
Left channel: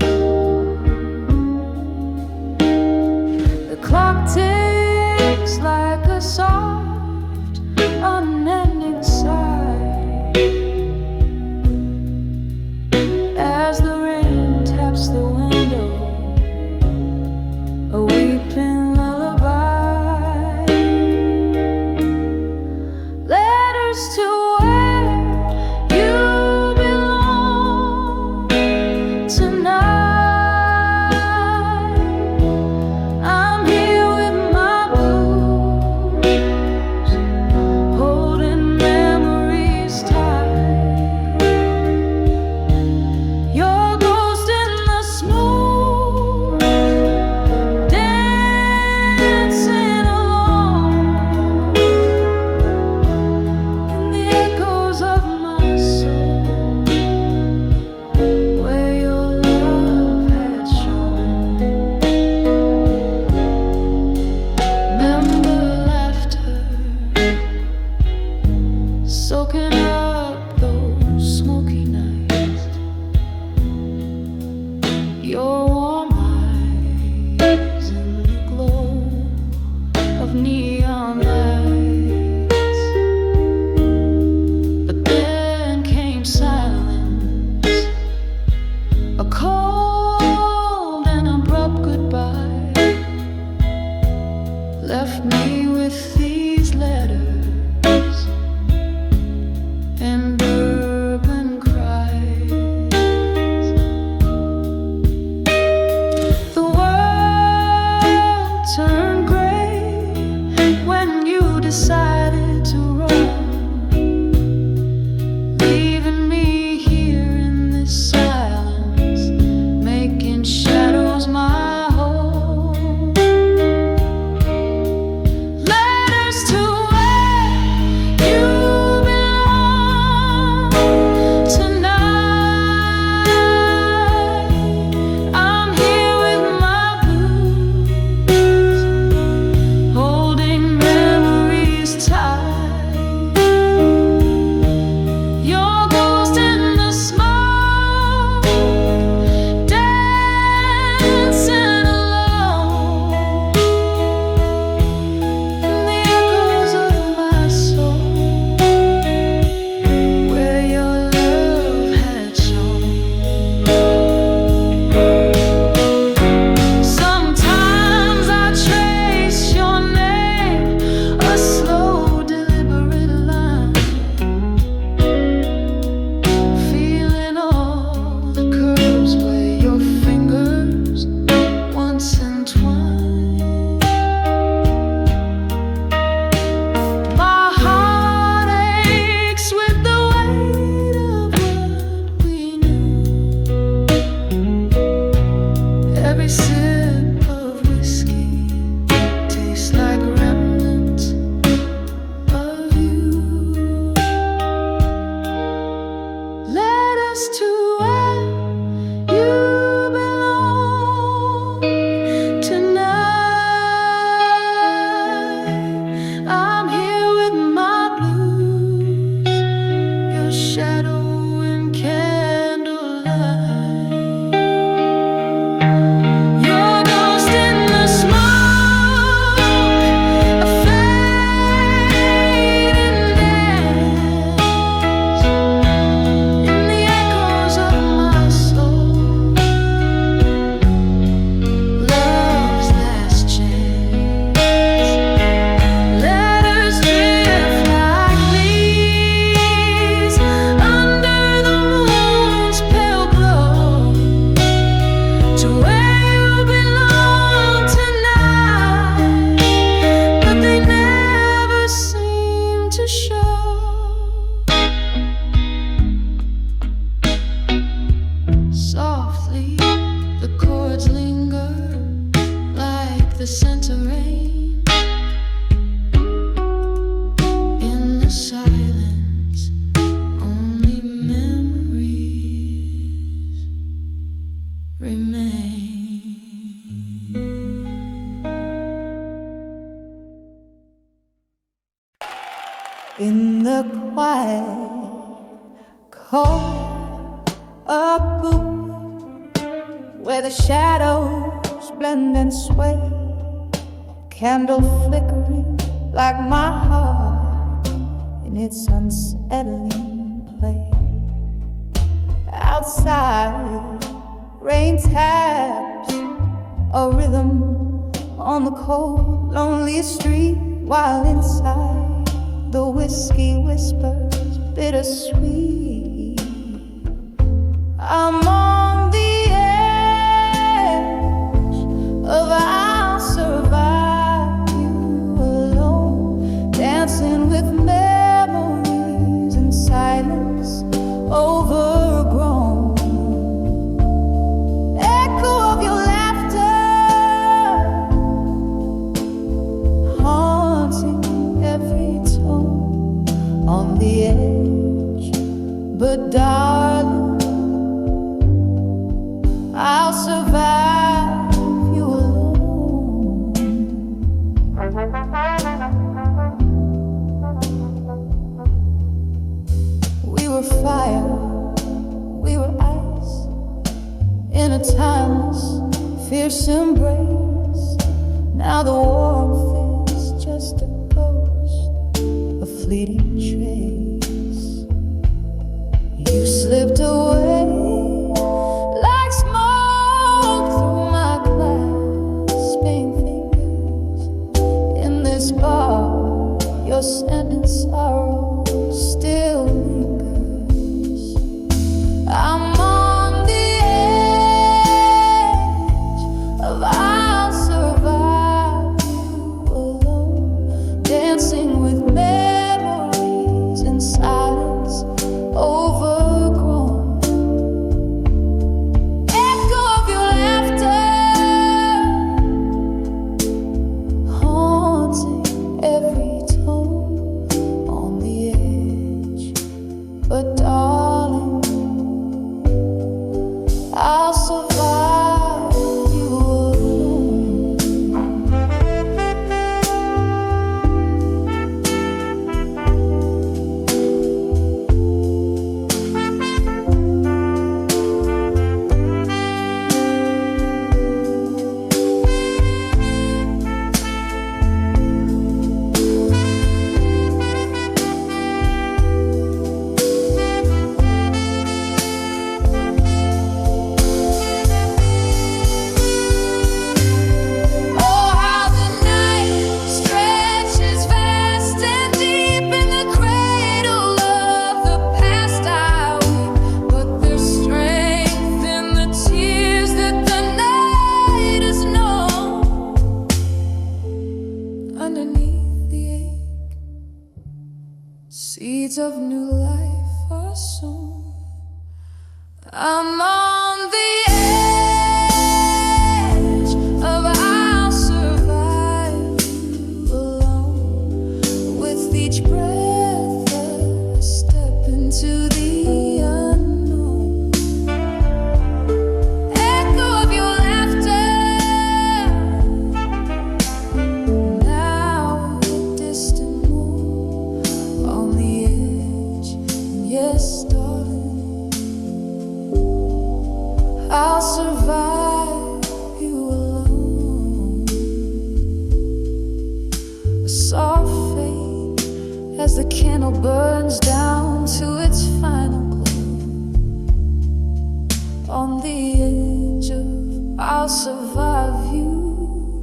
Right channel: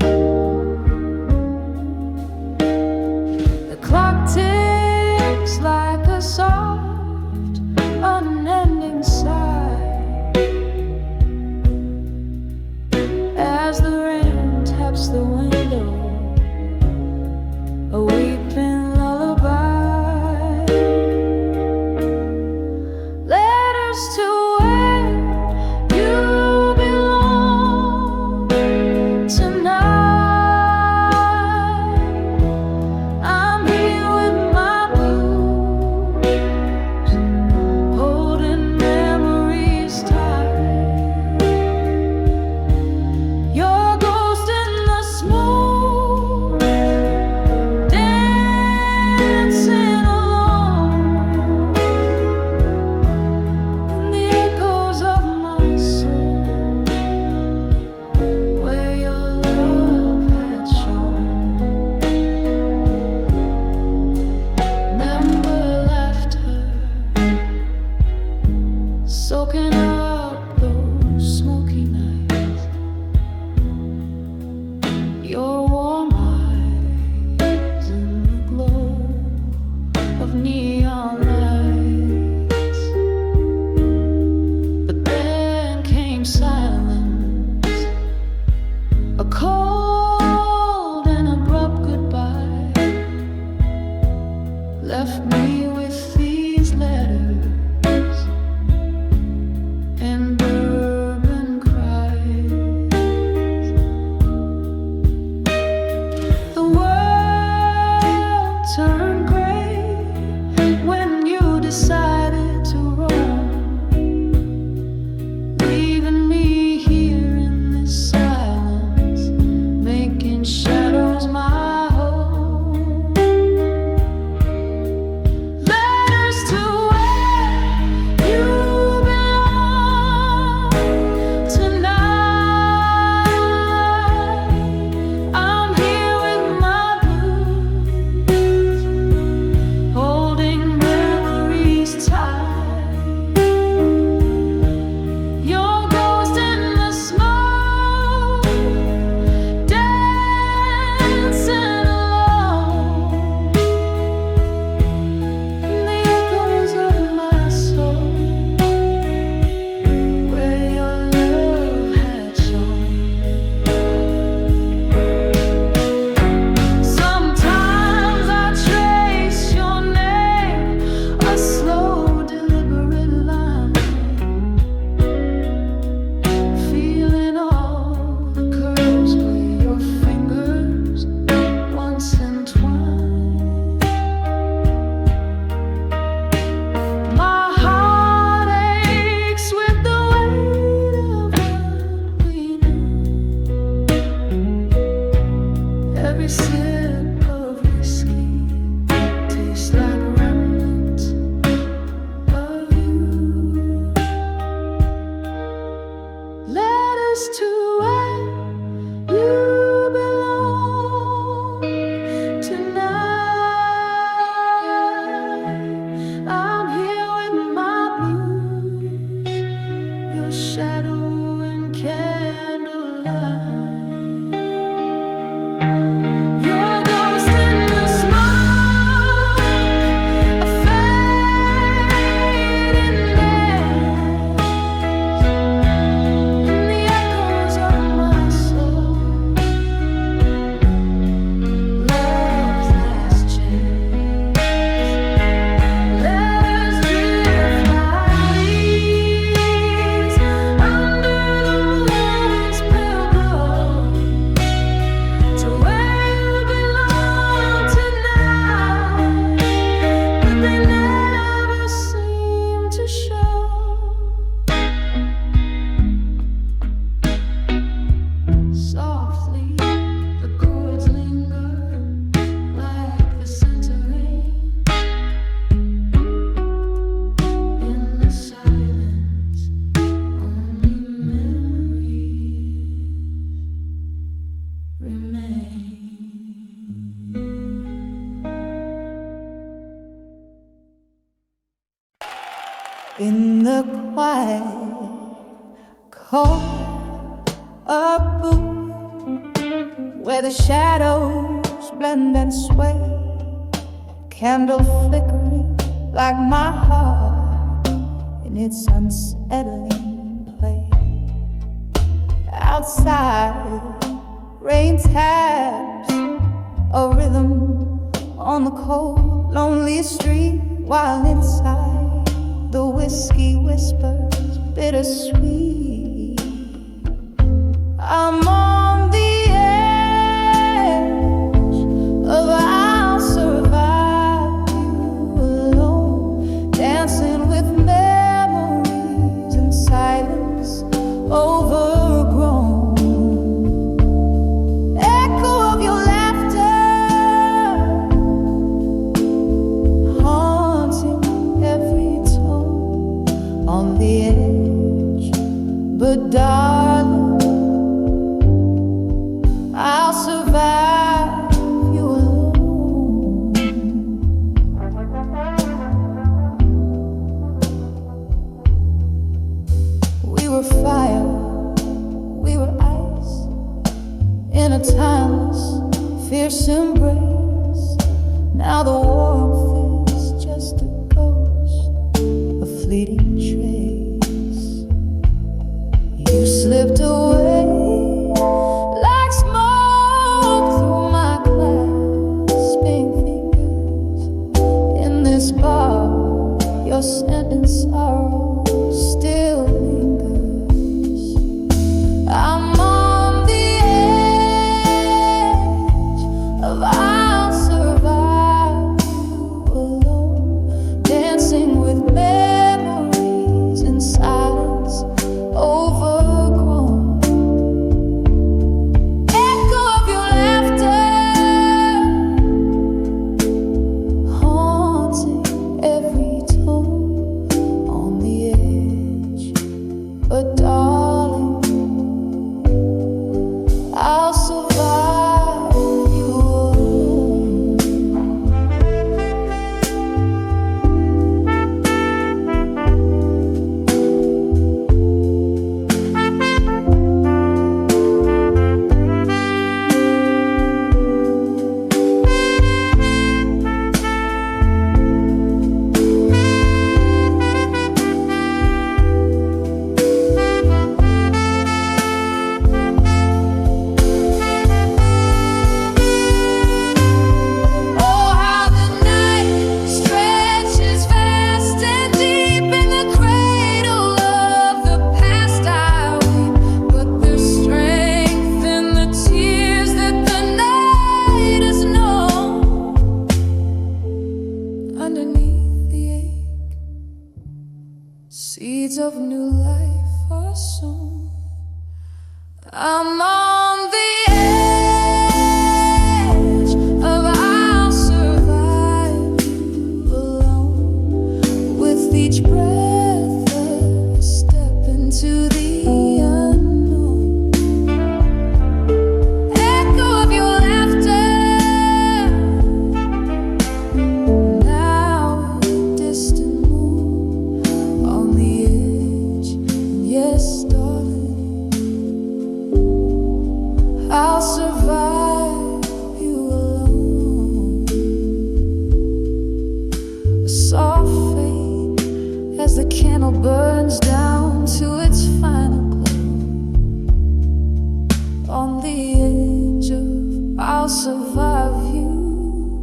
The clock ticks like a soft, unending sigh as the rain taps the window, a weeping lullaby. Letters to where you belong tonight. I'm here with my blues, holding memories tight. Your ghost in the smoke, dancing alone in the echoes of my soul, where your love had shone. Remember laughter soaking up those smoky nights. Your warm eyes in the glow of neon lights. But then came silence, a cold and abrupt goodbye left me with these letters and bourbon cries. The world turned gray when you decided to roam, leaving me here in this silence, making shadows my home. Letters to where you belong tonight. I'm here with my blues, holding memories tight. Your ghost in the smoke, dancing alone in the echoes of my soul, where your love had shone. Sometimes I trace your name, a slow, deliberate line, feeling all the curves where your fingers once entwined. My heart aches with the weight of what we knew. Every sip of whiskey tastes like remnants of you. Letters to where you belong tonight. I'm here with my blues, your shadow in candlelight. Your ghost in the smoke, a fading dance in the echoes of my scent of rain. In the silence, only memories remain. In the quiet, cold up booth, where the shadows blend and sway, candle flickering like my heart in its unsettling play. Outside, rain taps a rhythm on the cold, lonely street, while inside the whiskey whispers bittersweet. I'm on the edge of I'll survive you alone, dancing with memories in silence overgrown. Echo of your laughter haunting every tone on the edge, but darling, I'll survive you alone. We were fire, we were ice, in a timeless, fierce embrace. Now the warmth is just a ghost, a fleeting trace. You slipped away like smoke through my clasping fingers. In this bar, your scent and sorrow still lingers. I'm on the edge of I'll survive you alone, dancing with memories in silence overgrown. Every tone on the edge, but darling, I'll survive you alone. Underneath the ache, seeds of new life are sown. I'm on the edge of I'll survive you alone. With each breath, a step into the unknown. Echo of your laughter, now a distant moon on the edge. Yes, darling, I'll survive you alone. A soft fade as the candle burns down to its final glow. On the edge of I'll survive you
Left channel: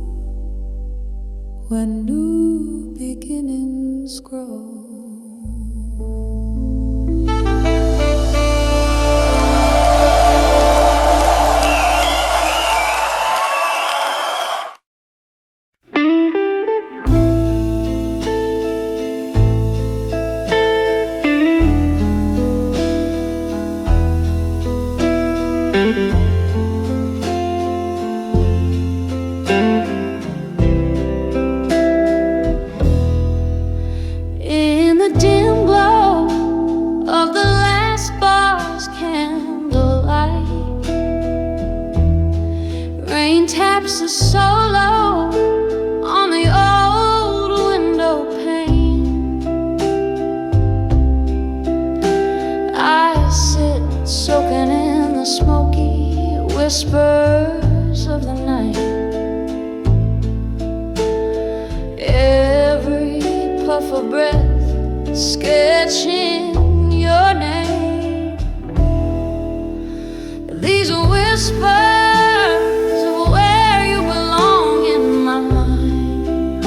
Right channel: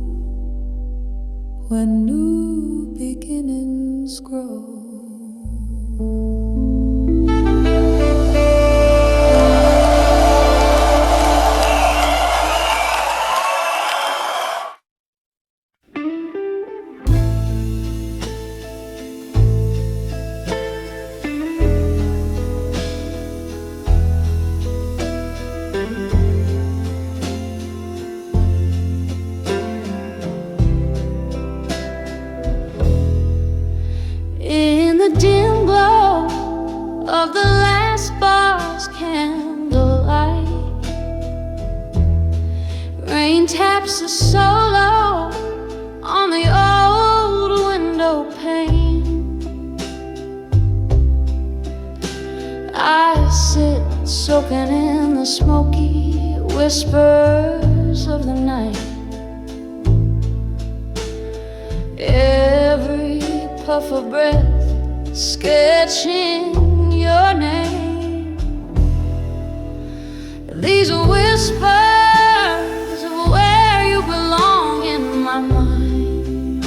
when new beginnings grow. wipes a solo on the old window pane. I sit soaking in the smoky whispers of the night. Every puff of breath sketching your name. These whispers of where you belong in my mind.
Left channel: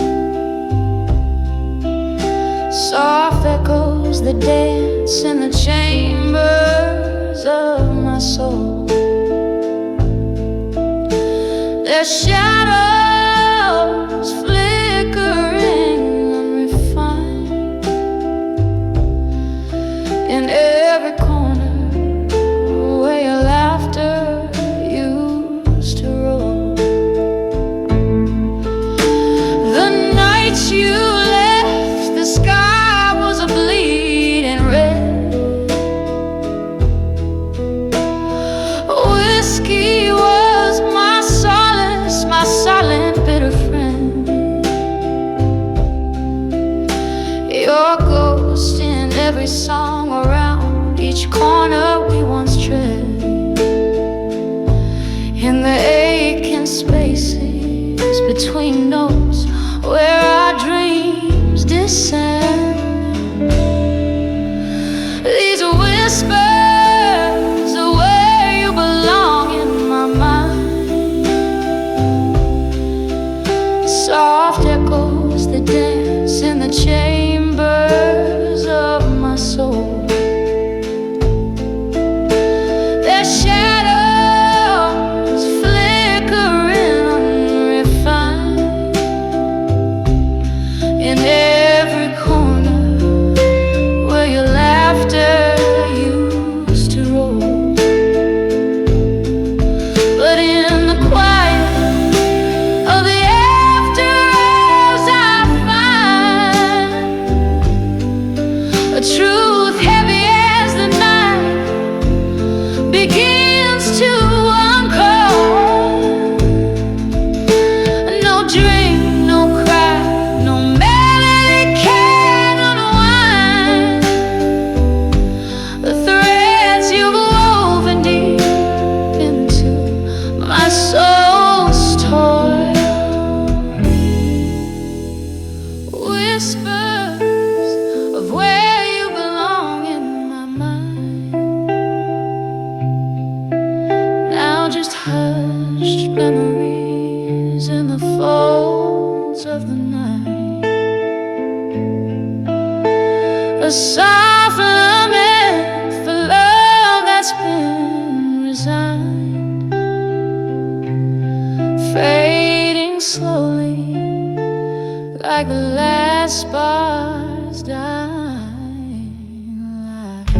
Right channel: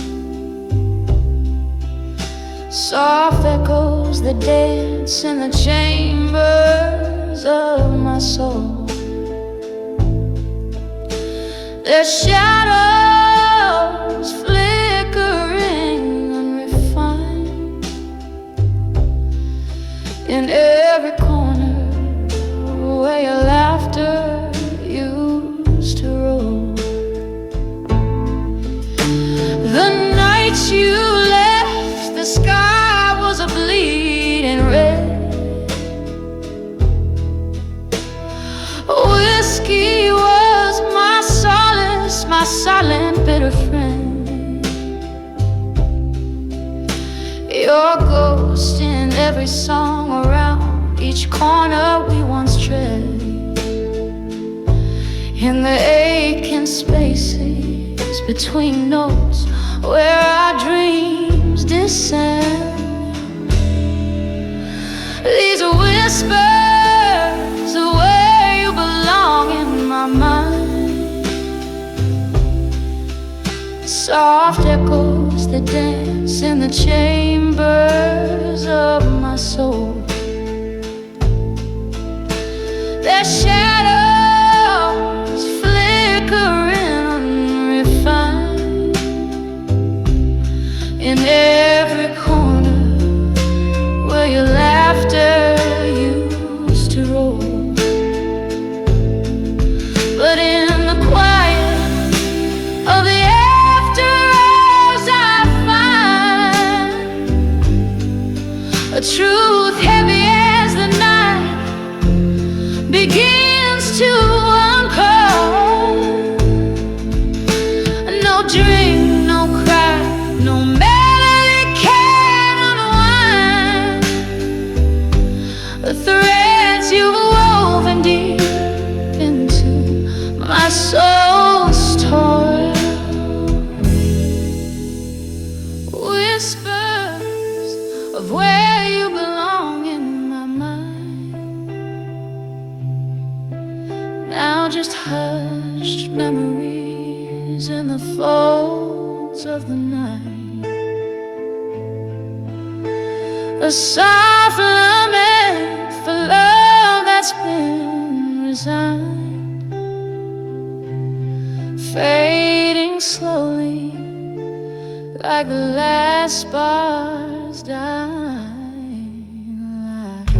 Soft echoes that dance in the chambers of my soul. Their shadows flickering unrefined in every corner where your laughter used to roll. The night you left, the sky was a bleeding red. Whiskey was my solace, my silent bitter friend. Your ghost in every song around each corner we once tread. In the aching spaces between notes where our dreams descend. These whispers of where you belong in my mind. Soft echoes that dance in the chambers of my soul. Their shadows flickering unrefined in every corner where your laughter used to roll. But in the quiet of the after hours I find a truth heavy as the night begins to uncoil. No drink, no cry, no melody can unwind the threads you've woven deep into my soul's toil. Whispers of where you belong in my mind. Now just hushed memories in the folds of the night. A soft lament for love that's been resigned, fading slowly like the last spar's dying light.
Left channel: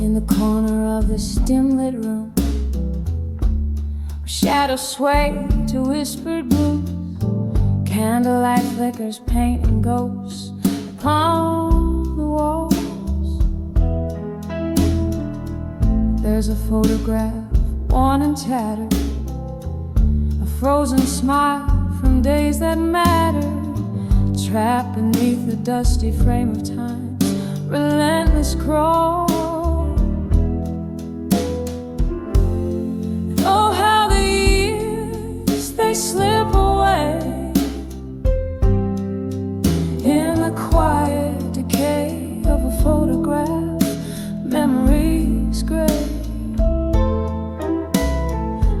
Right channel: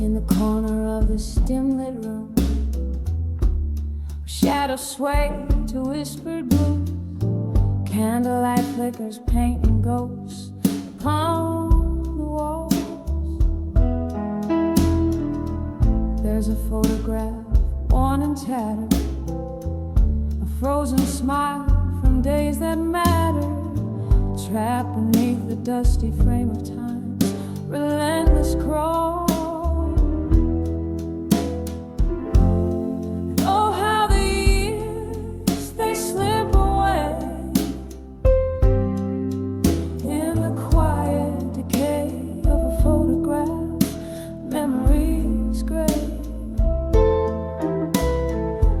In the corner of this dim-lit room, where shadows sway to whispered blues, candlelight flickers painting ghosts upon the walls. There's a photograph, worn and tattered, a frozen smile from days that mattered, trapped beneath the dusty frame of time's relentless crawl. Oh, how the years, they slip away in the quiet decay of a photograph, memories gray.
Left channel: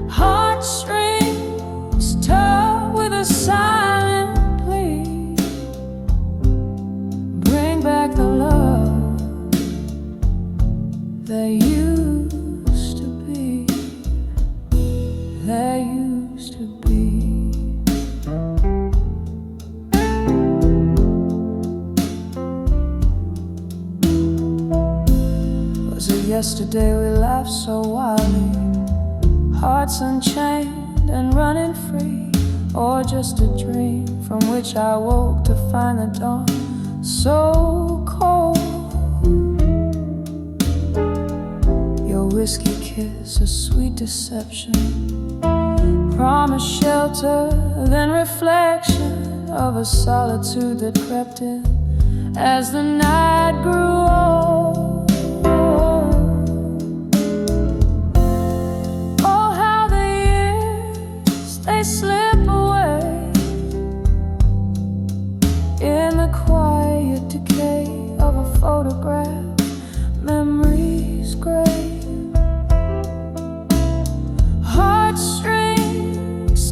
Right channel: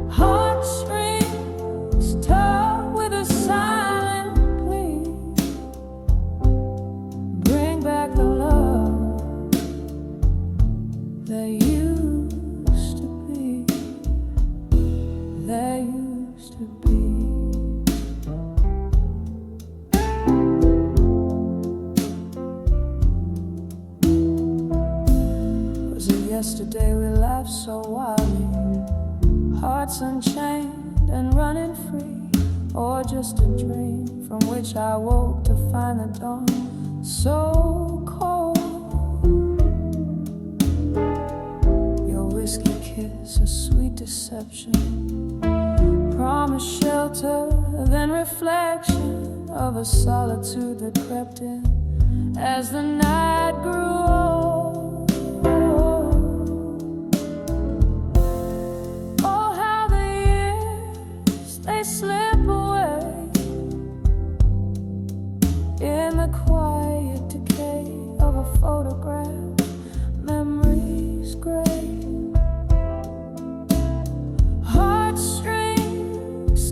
Heartstrings tug with a silent plea, bring back the love that used to be. there used to be. Was it yesterday we laughed so wildly, hearts unchained and running free, or just a dream from which I woke to find the dawn so cold? Your whiskey kiss, a sweet deception, promise shelter, then reflection of a solitude that crept in as the night grew old. Oh, how the years, they slip away in the quiet decay of a photograph, memories gray. Heartstrings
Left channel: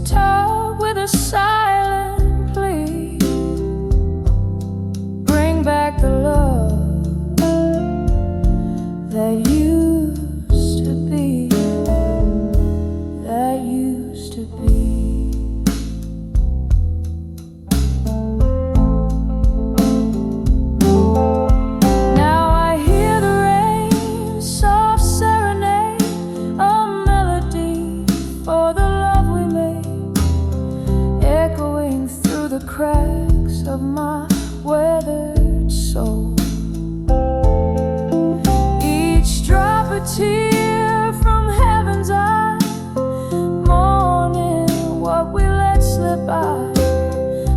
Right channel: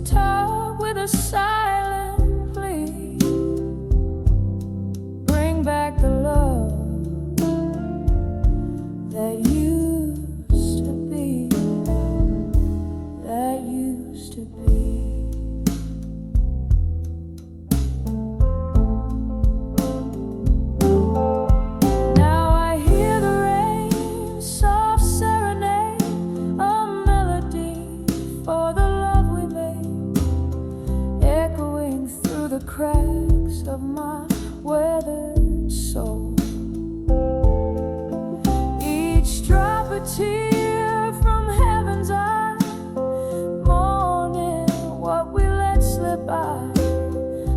tug with a silent plea, bring back the love that used to be, that used to be. Now I hear the rain, soft serenade, a melody for the love we made, echoing through the cracks of my weathered soul. Each drop a tear from heaven's eye, mourning what we let slip by,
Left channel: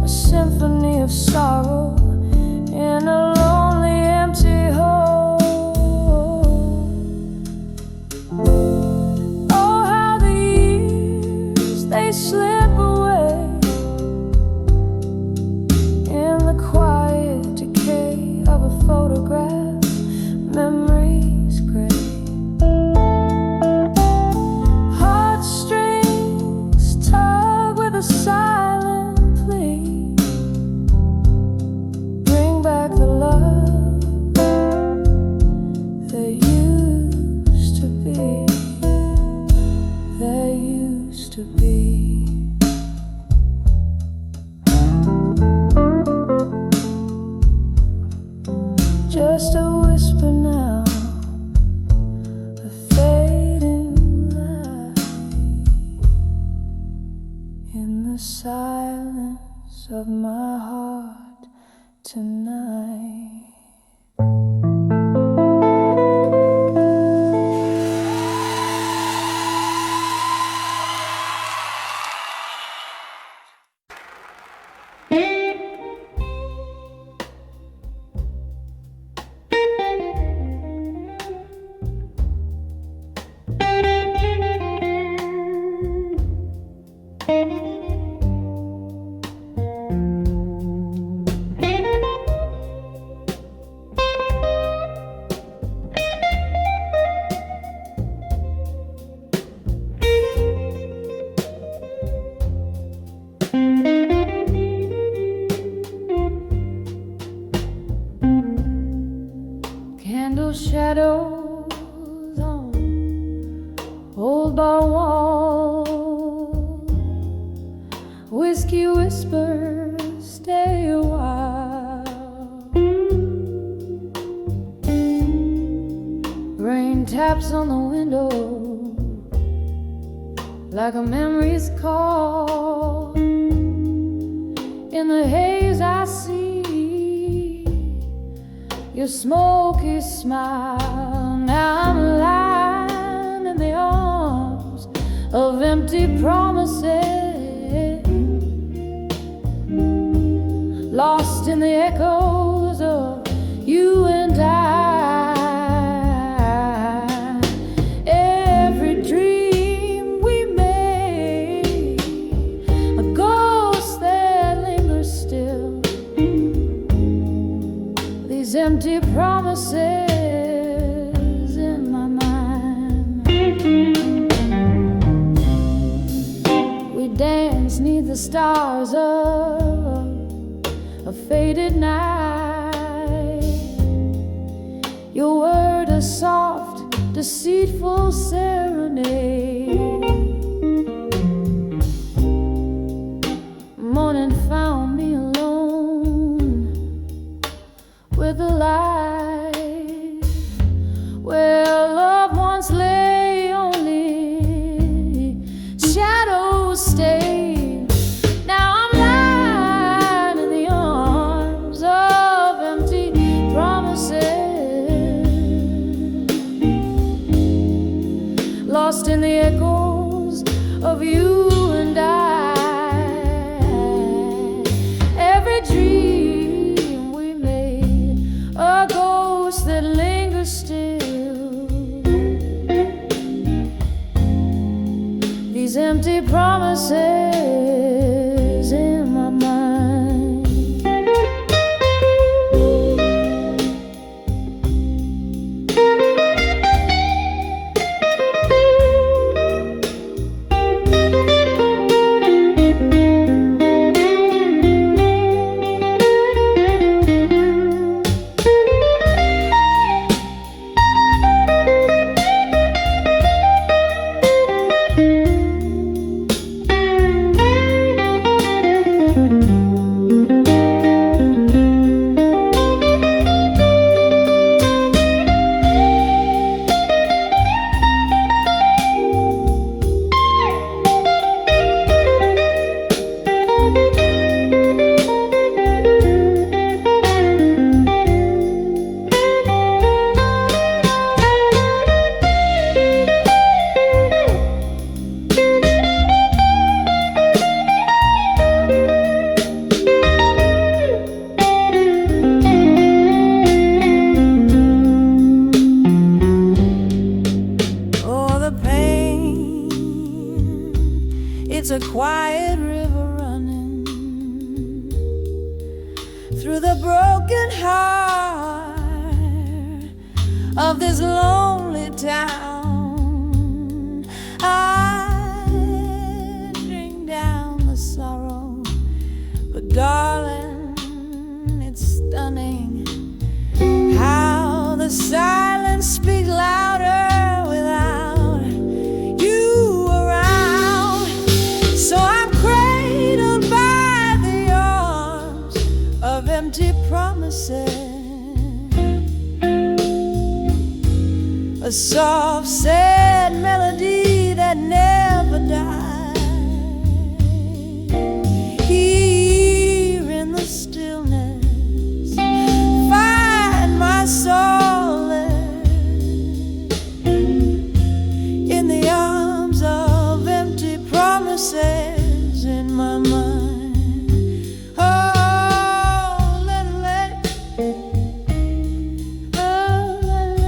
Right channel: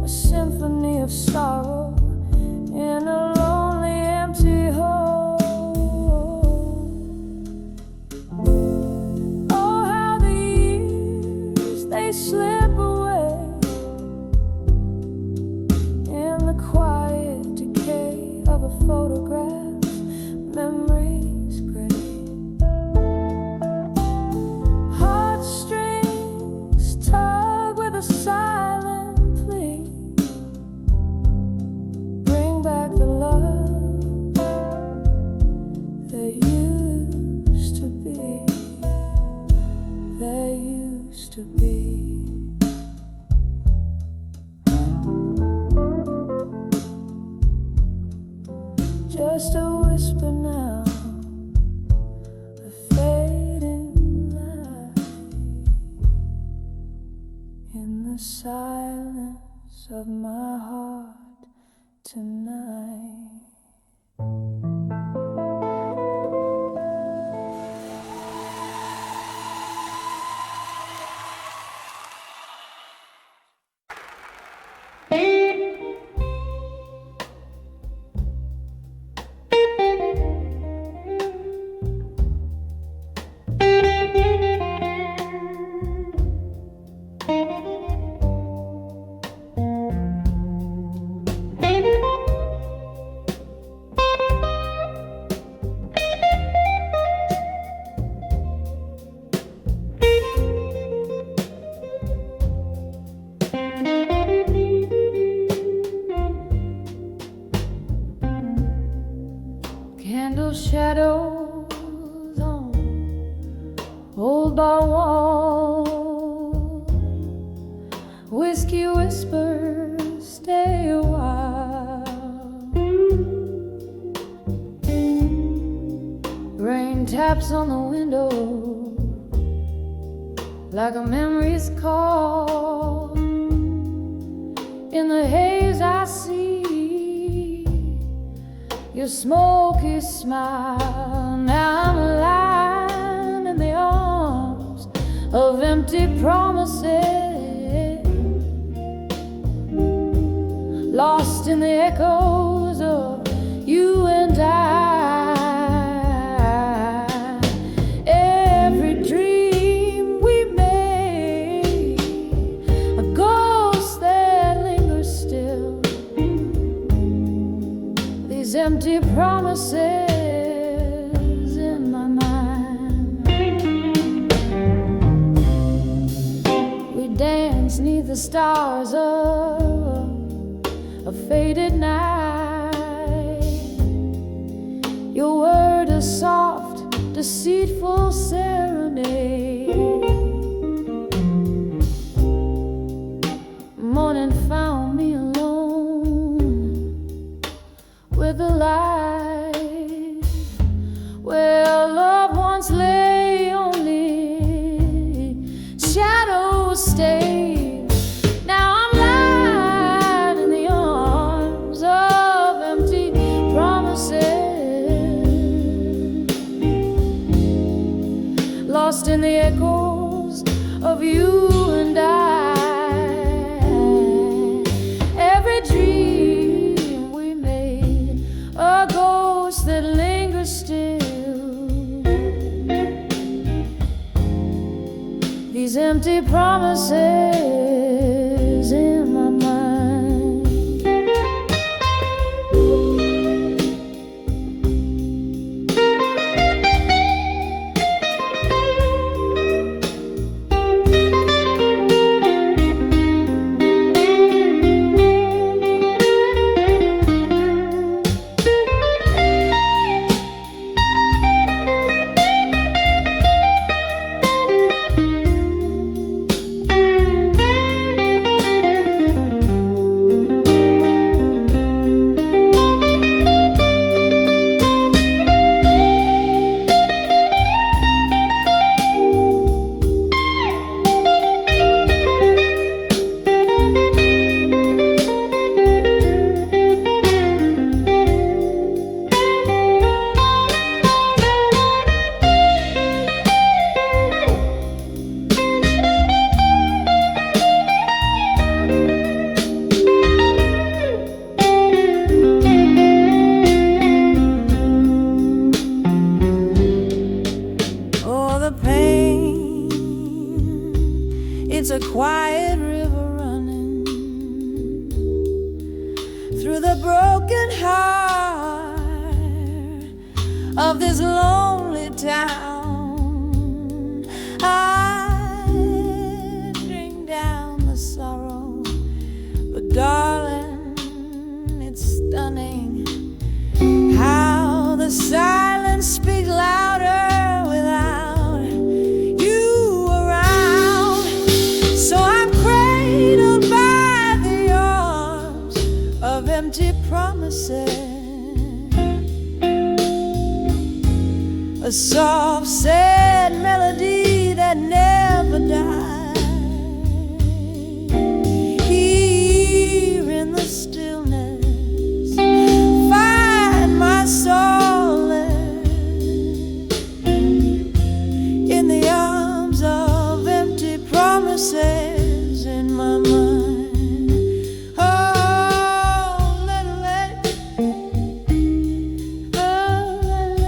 a symphony of sorrow in a lonely empty hole. Oh, how the years, they slip away in the quiet decay of a photograph, memories gray. Heartstrings tug with a silent plea, bring back the love that used to be, that used to be. Just a whisper now, a fading light in the silence of my heart tonight. Candle shadows on old bar wall, whiskey whispers, stay a while. Rain taps on the window like a memory's call. In the haze I see your smoky smile. Now I'm lying in the arms of empty promises, lost in the echoes of you and I. Every dream we made, a ghost that lingers still, these empty promises in my mind. We dance 'neath the stars of a faded night. Your word a soft, deceitful serenade. of you and I. Every dream we made, a ghost that lingers still. These empty promises in my mind. It's a quiet river running through the broken heart of this lonely town. I drink down the sorrow, but darling, it's stunning how the silence speaks louder without you around. So I'm cradled by the arms of empty promises, a soft, sad melody that never dies. Here in the stillness, find my solace in the arms of empty promises in my mind. Oh, let it, oh, let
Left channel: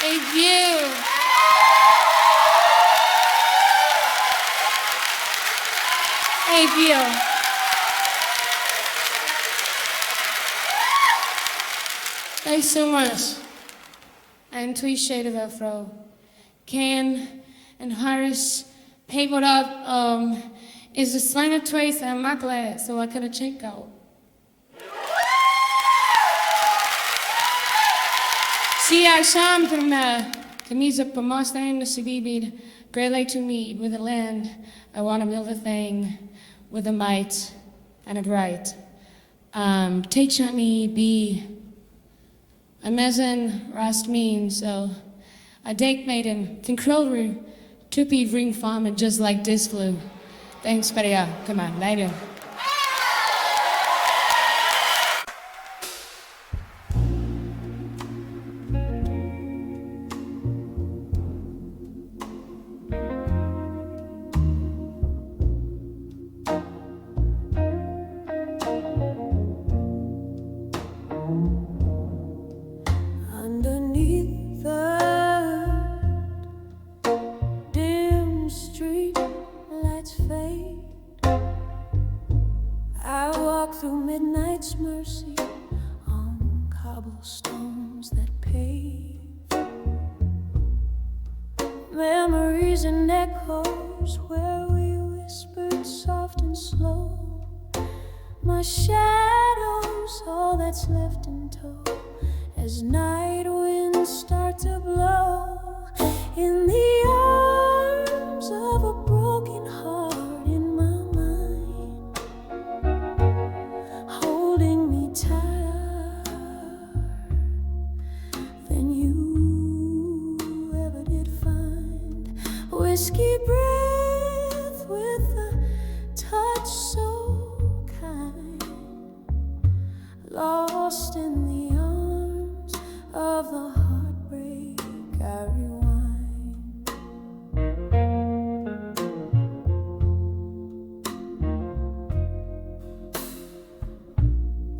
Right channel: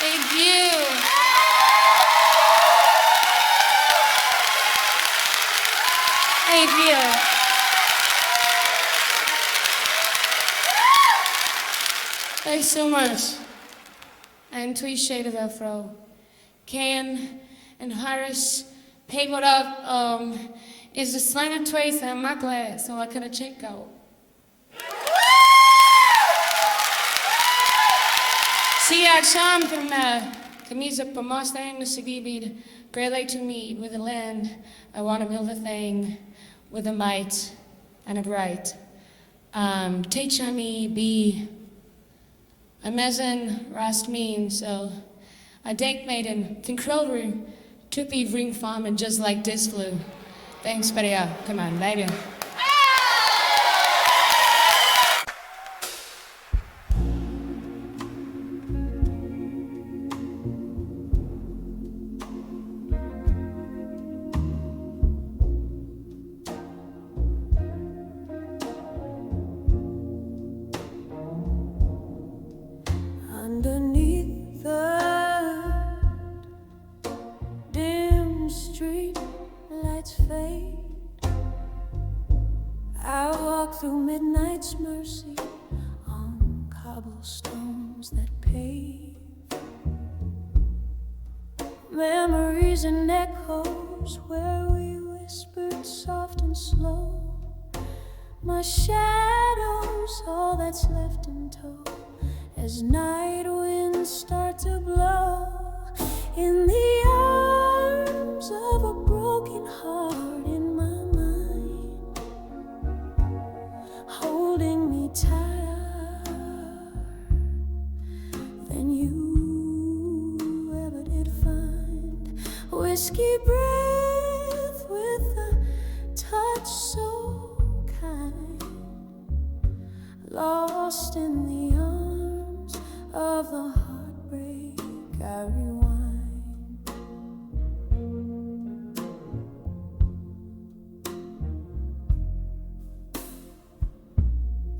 Thank you. Thank you. Thanks so much. And tweet shade of afro. Ken and Harris papered up is the slang of trace and my glass, so I couldn't check out. Si akşam camisa per Mustang, the CD beat, great lake to meet with the land. I want to build a thing with a might and a bright. Teach me be a mezen rast mean, so I denk maiden, think krollru, tuppy ring farm and just like this flu. Thanks, buddy. Come on, later. through midnight's mercy on cobblestones that pave. Memories and echoes where we whispered soft and slow. My shadow's all that's left in tow as night winds start to blow. In the arms of a broken heart in my mind, holding me tighter than you ever did find. Whiskey breath with a touch so kind, lost in the arms of the heartbreak I rewind.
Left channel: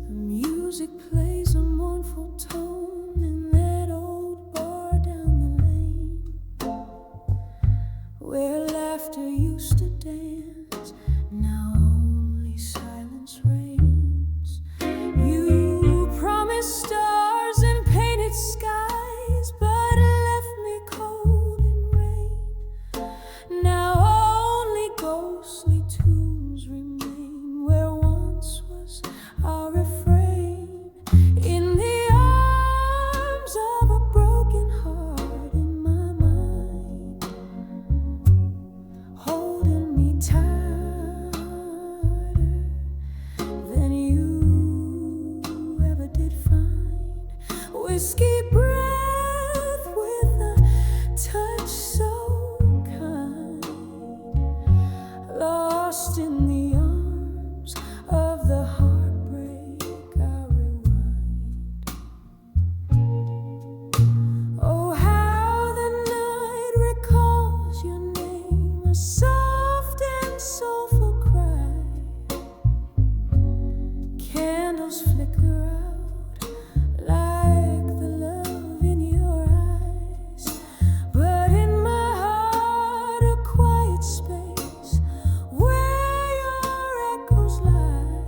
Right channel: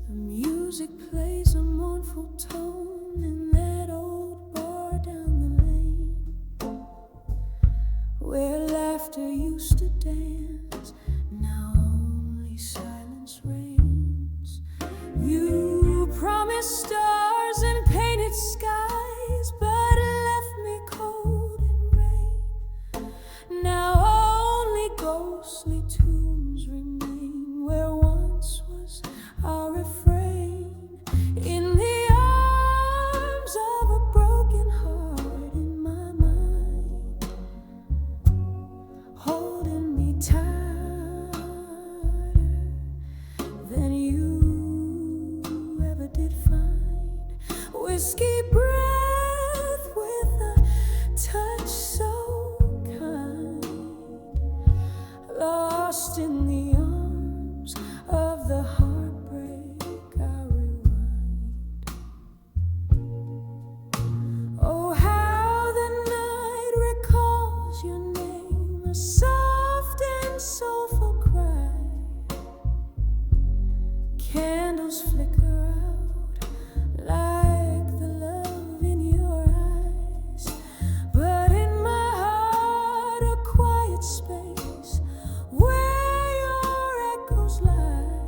The music plays a mournful tone in that old bar down the lane, where laughter used to dance, now only silence reigns. You promised stars and painted skies, but left me cold in rain. Now only ghostly tunes remain where once was our refrain. In the arms of a broken heart in my mind, holding me tighter than you ever did find. Whiskey breath with a touch so kind, lost in the arms of the heartbreak I rewind. Oh, how the night recalls your name, a soft and soulful cry. Candles flicker out like the love in your eyes, but in my heart a quiet space where your echoes lie.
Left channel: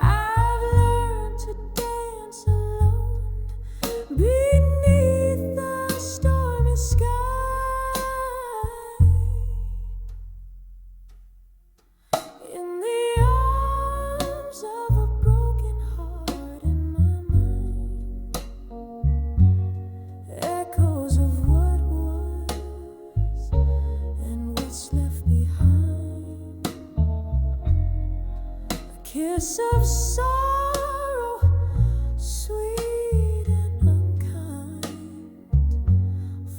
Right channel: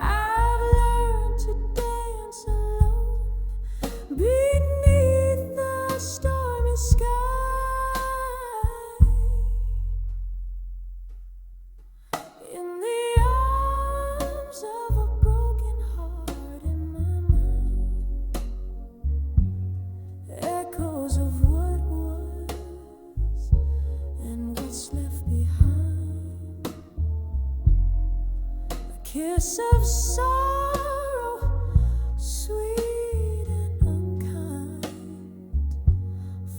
I've learned to dance alone beneath the stormy sky. In the arms of a broken heart in my mind, echoes of what was and what's left behind. A kiss of sorrow, sweet and unkind,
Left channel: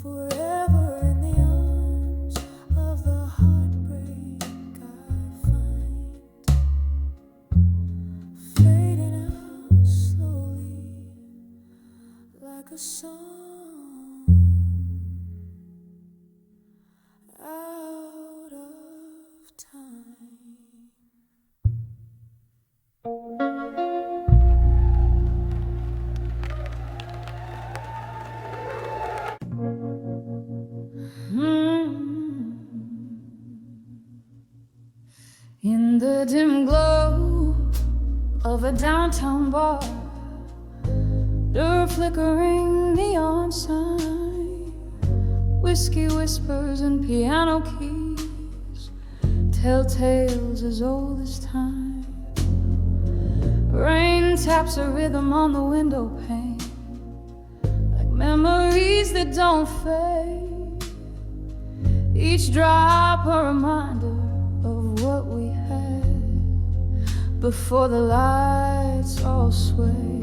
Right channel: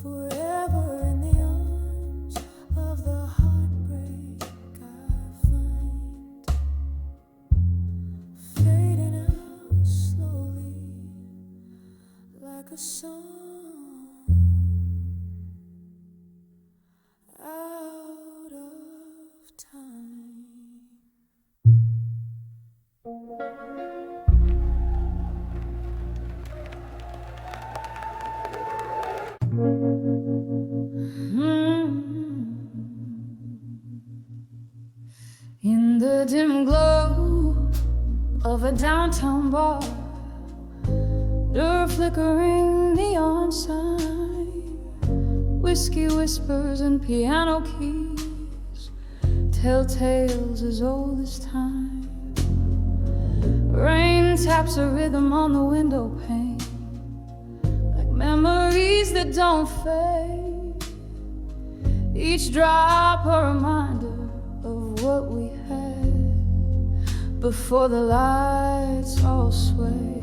forever in the arms of the heartbreak I find, fading out slowly like a song out of time. In the dim glow of a downtown bar, the flickering neon sign, whiskey whispers and piano keys tell tales as old as time. Rain taps a rhythm on the window pane, like memories that don't fade. Each drop a reminder of what we had before the lights all sway.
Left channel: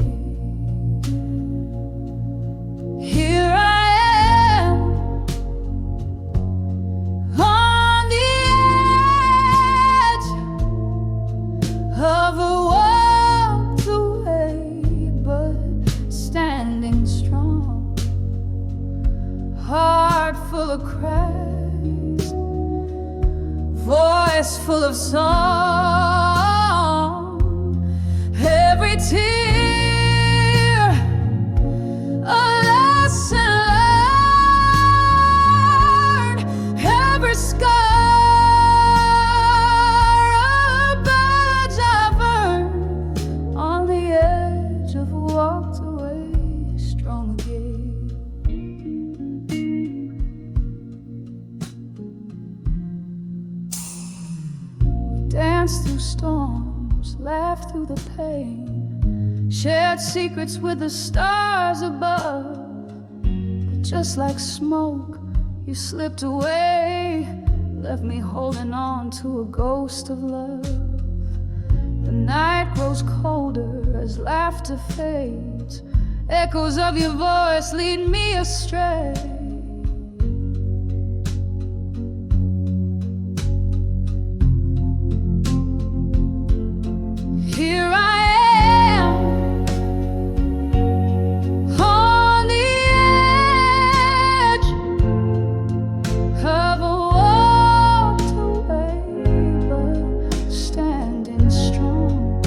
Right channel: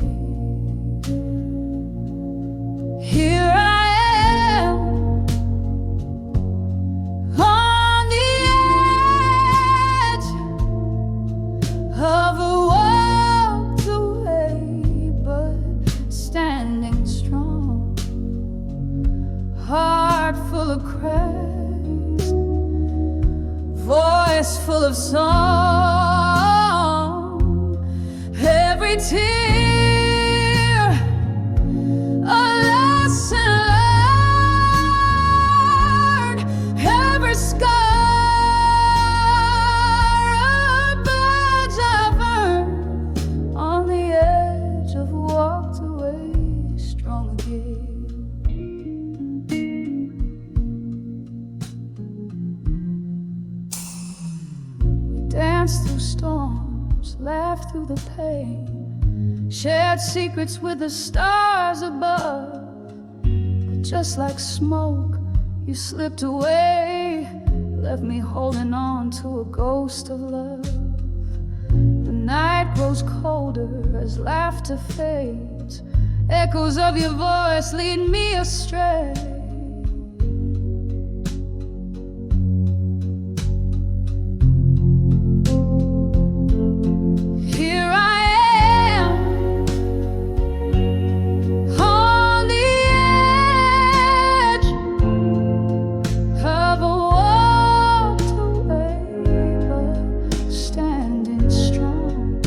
Here I am on the edge of a walked away, but standing strong, heart full of cracks, voice full of song. Every tear a lesson learned, every scar a badge I've earned. We danced through storms, laughed through the pain, shared secrets with the stars above. But just like smoke, you slipped away, left me holding on to a ghost of love. The night grows colder as laughter fades, echoes of your voice lead me astray. Here I am on the edge of a walked away, but standing strong,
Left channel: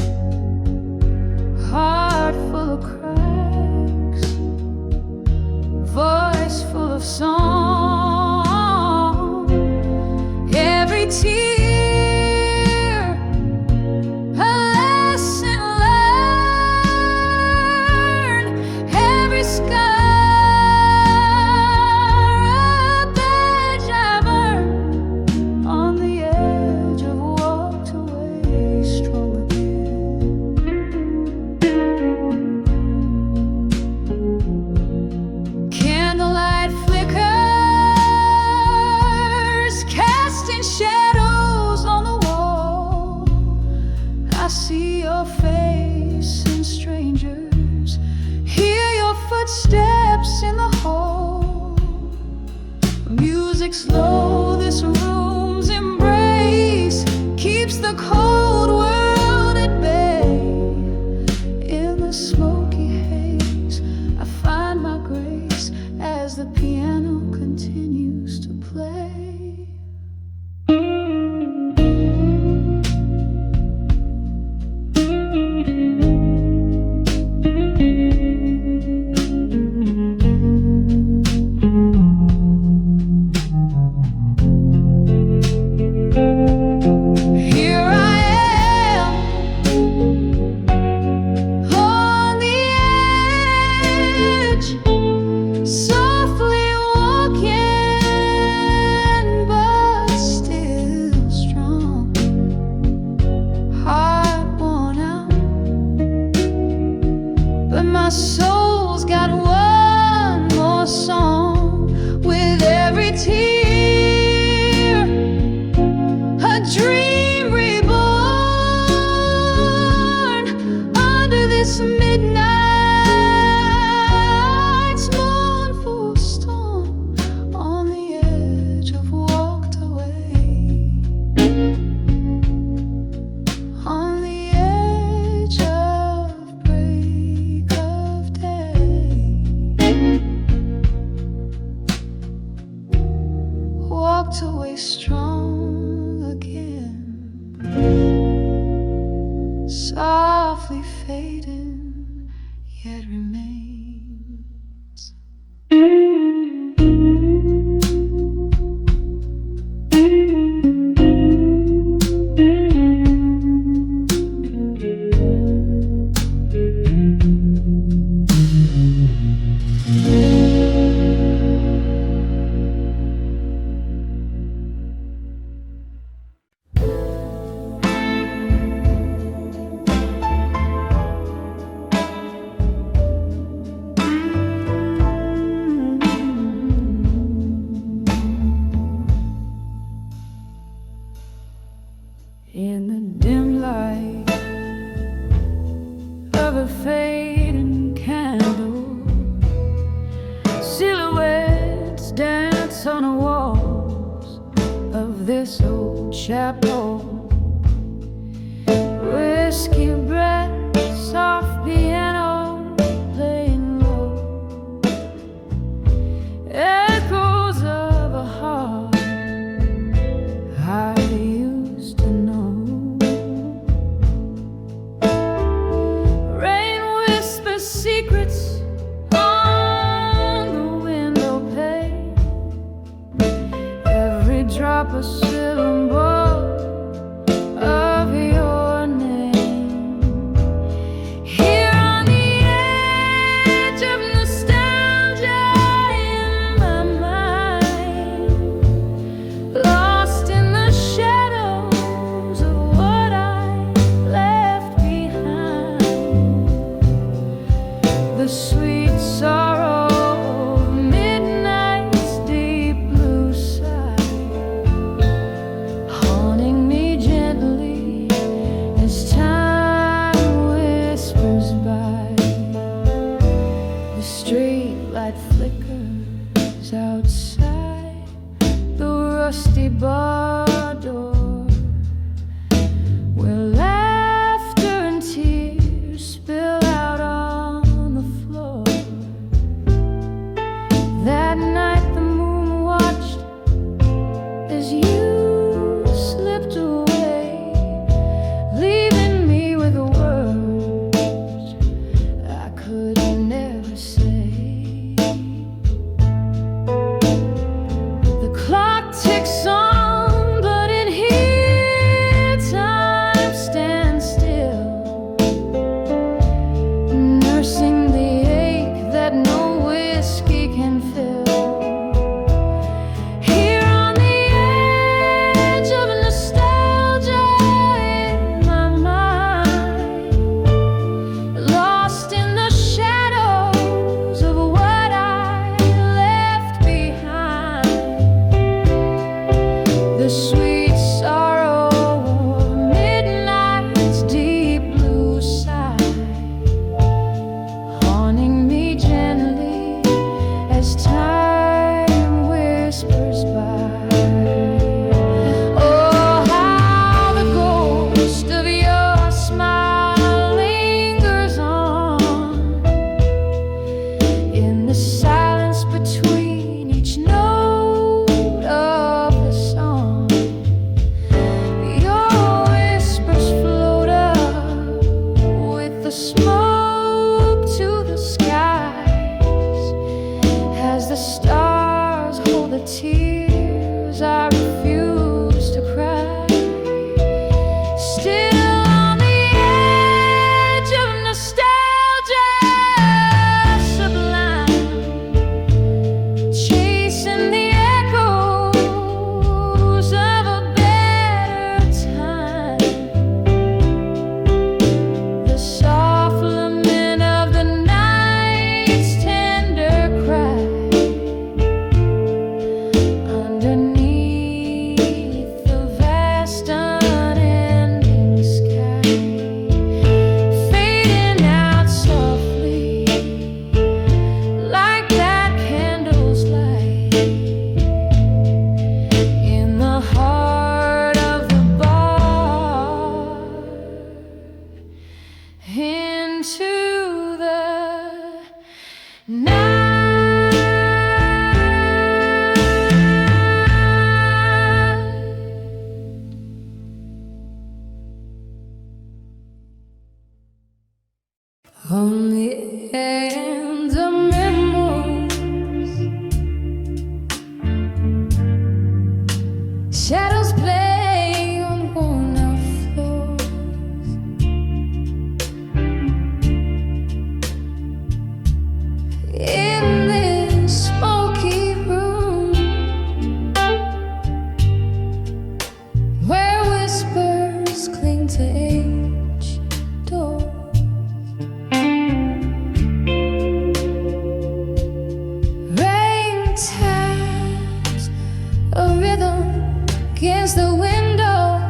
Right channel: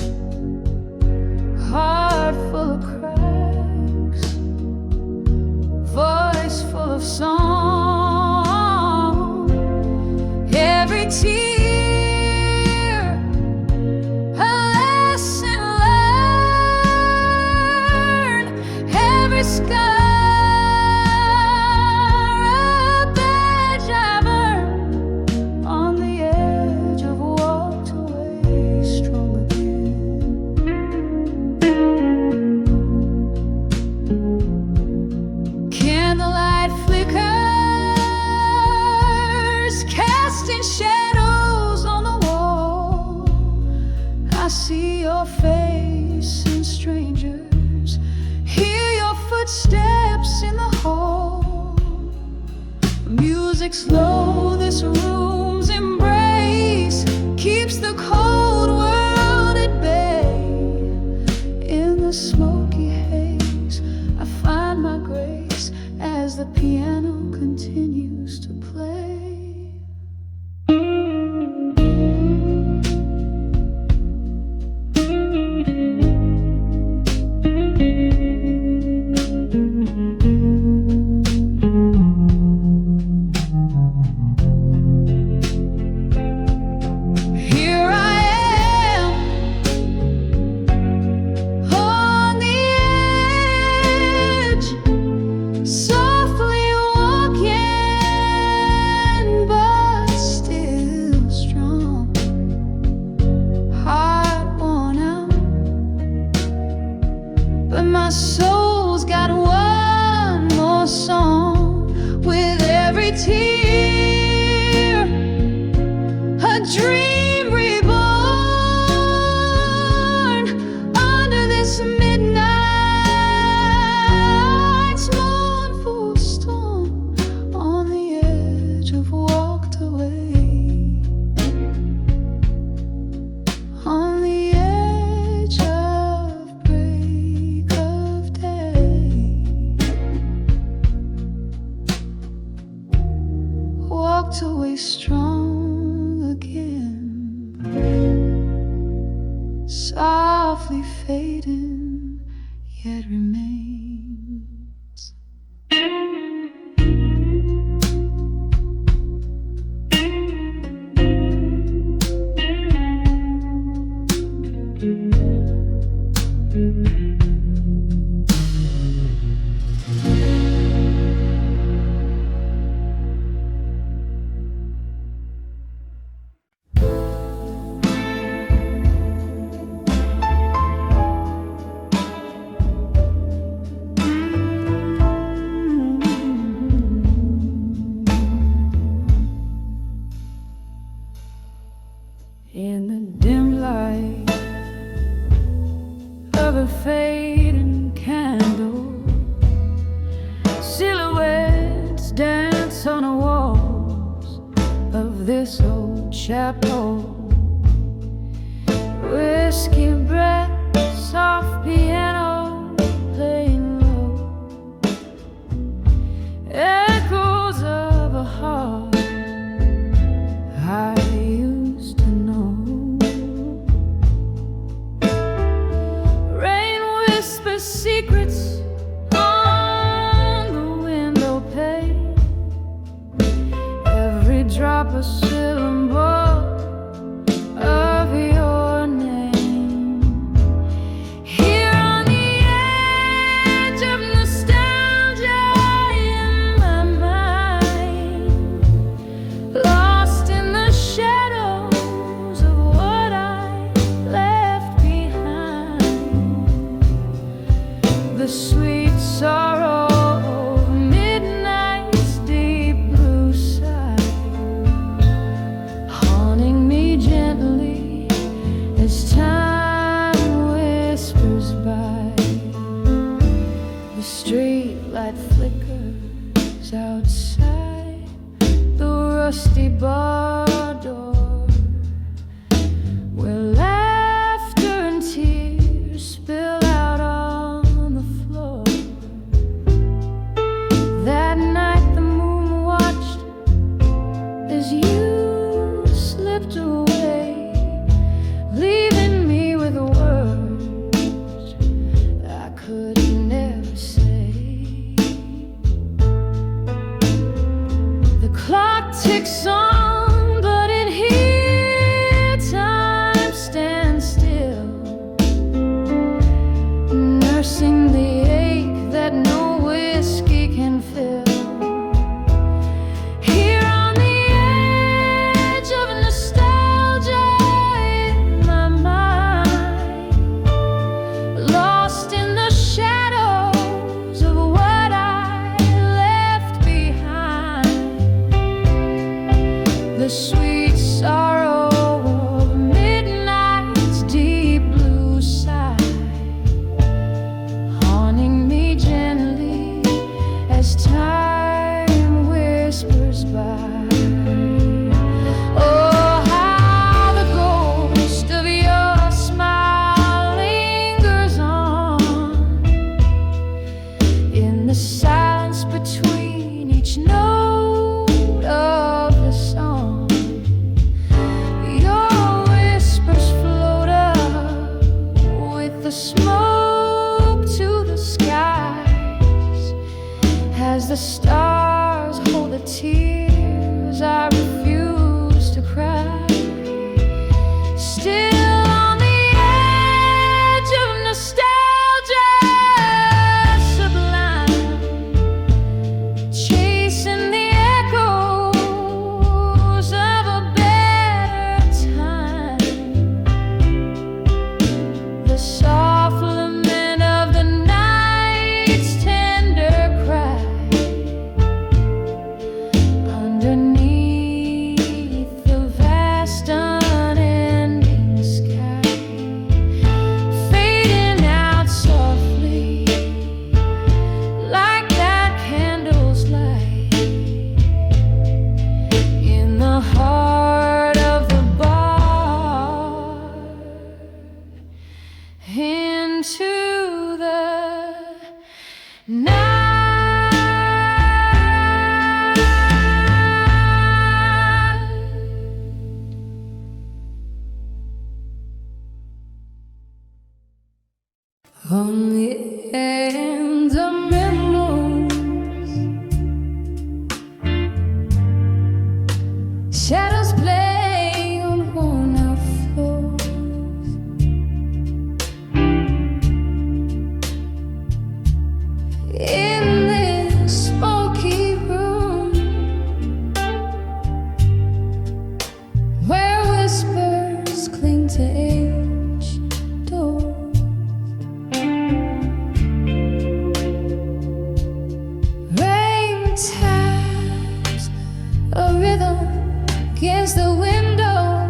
heart full of cracks, voice full of song. Every tear a lesson learned, every scar a badge I've earned. On the edge I've walked away strong again. Candlelight flickers, casting shadows on the wall. I see your face in strangers, hear your footsteps in the hall. Music slow, this room's embrace keeps the cold world at bay. In the smoky haze, I find my grace as the piano continues to play. Here I am on the edge, softly walking, but still strong. Heart worn out, but my soul's got one more song. With every tear, a dream reborn. Under this midnight's mournful storm, on the edge I've walked away. On the edge of break of day, walked away strong again. Softly fading, yet remains. In the dim light of a fading candle, silhouettes dance on the walls of this old chapel. Whiskey breath, soft piano playing low, echoes of a heart I used to know. Rain whispers secrets on the window pane, every drop a syllable of your name. Here on the edge of nostalgia, whispers outside the rusty bar door, where laughter and tears spill out on the floor. That night the moon watched as you slipped away, leaving me with words I could never say. The clock ticks on, but in here time stands still, nursing the ache that no whiskey can fill. Here on the edge of nostalgia in my mind, lost in the shadows of what I left behind, the sweet sorrow of midnight's deep blue side, haunting me gently as time whispers by. Oh, how the ghost of your smile lingers on in the silence between each note of the song. Your whispers float up with the smoke to the skies, as the stars hold the tears I refuse to cry. Still on the edge of nostalgia sublime, chasing the echoes of a better time, the soft lament of the night's tender cry, underneath the vast unending sky, fading out softly like that candle's light in the heart of the bar, into the night. On the end of memories, shadows play on worn out floors. In this smoky room, where whispers cling to aged doors, rain taps a rhythm against the window,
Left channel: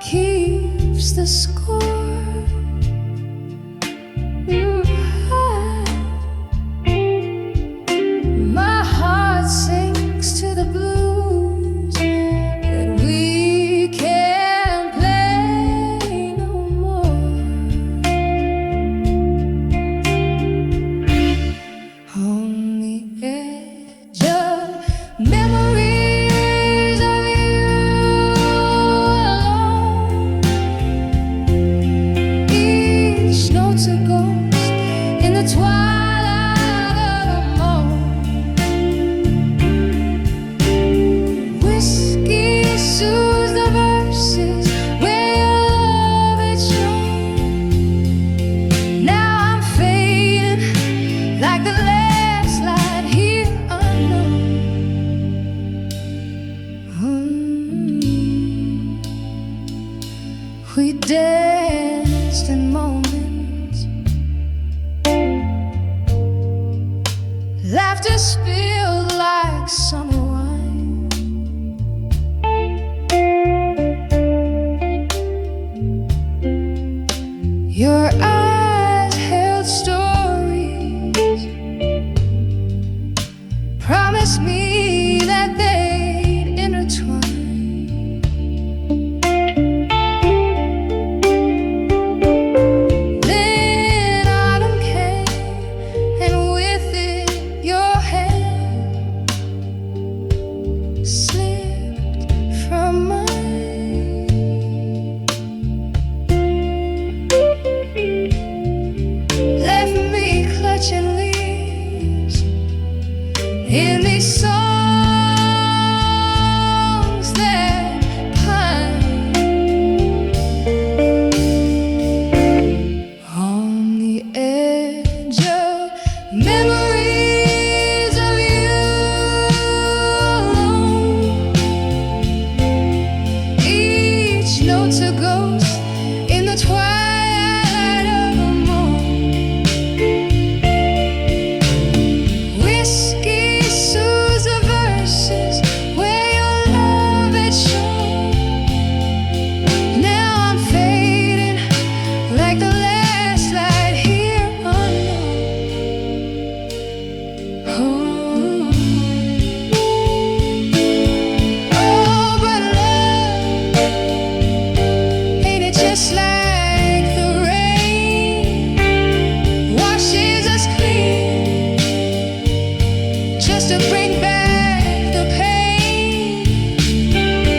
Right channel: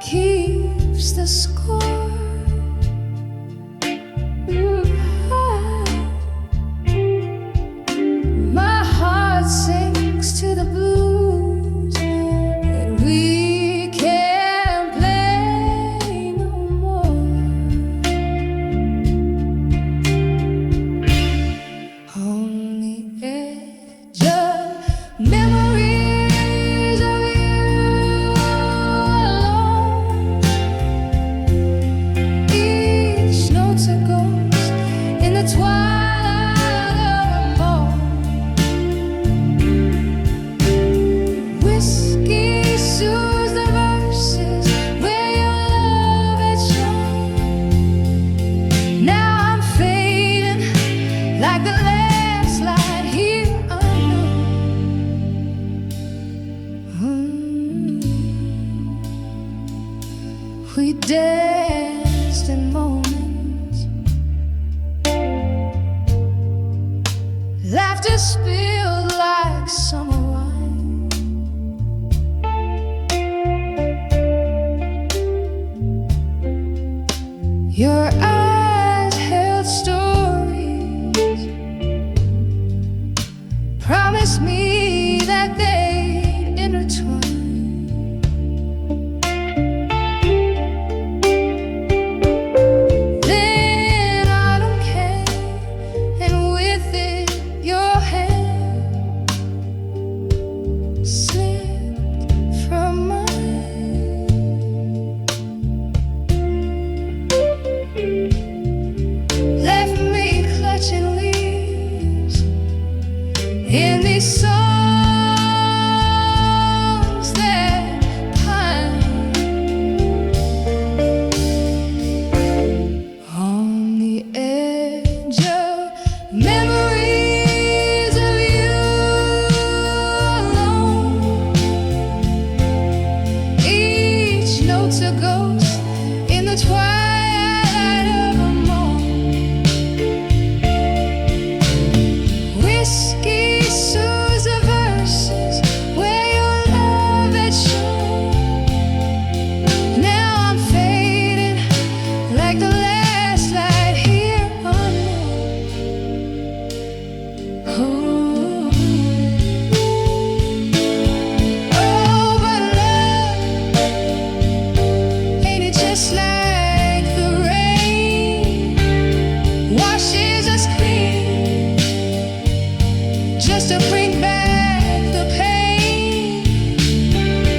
keeps the score. My heart sinks to the blues that we can't play no more. On the edge of memories of you alone, each note's a ghost in the twilight of a moan. Whiskey soothes the verses where your love had shone. Now I'm fading like the last light here unknown. We danced in moments, laughter spilled like summer wine. Your eyes held stories promised me that they'd intertwine. Then autumn came, and with it your hand slipped from mine. Left me clutching leaves in these songs that pine. On the edge of memories of you alone, each note's a ghost in the twilight of a moan. Whiskey soothes the verses where your love had shone. Now I'm fading like the last light here unknown. Oh, oh, but love, ain't it just like the rain washes us clean, just to bring back the pain.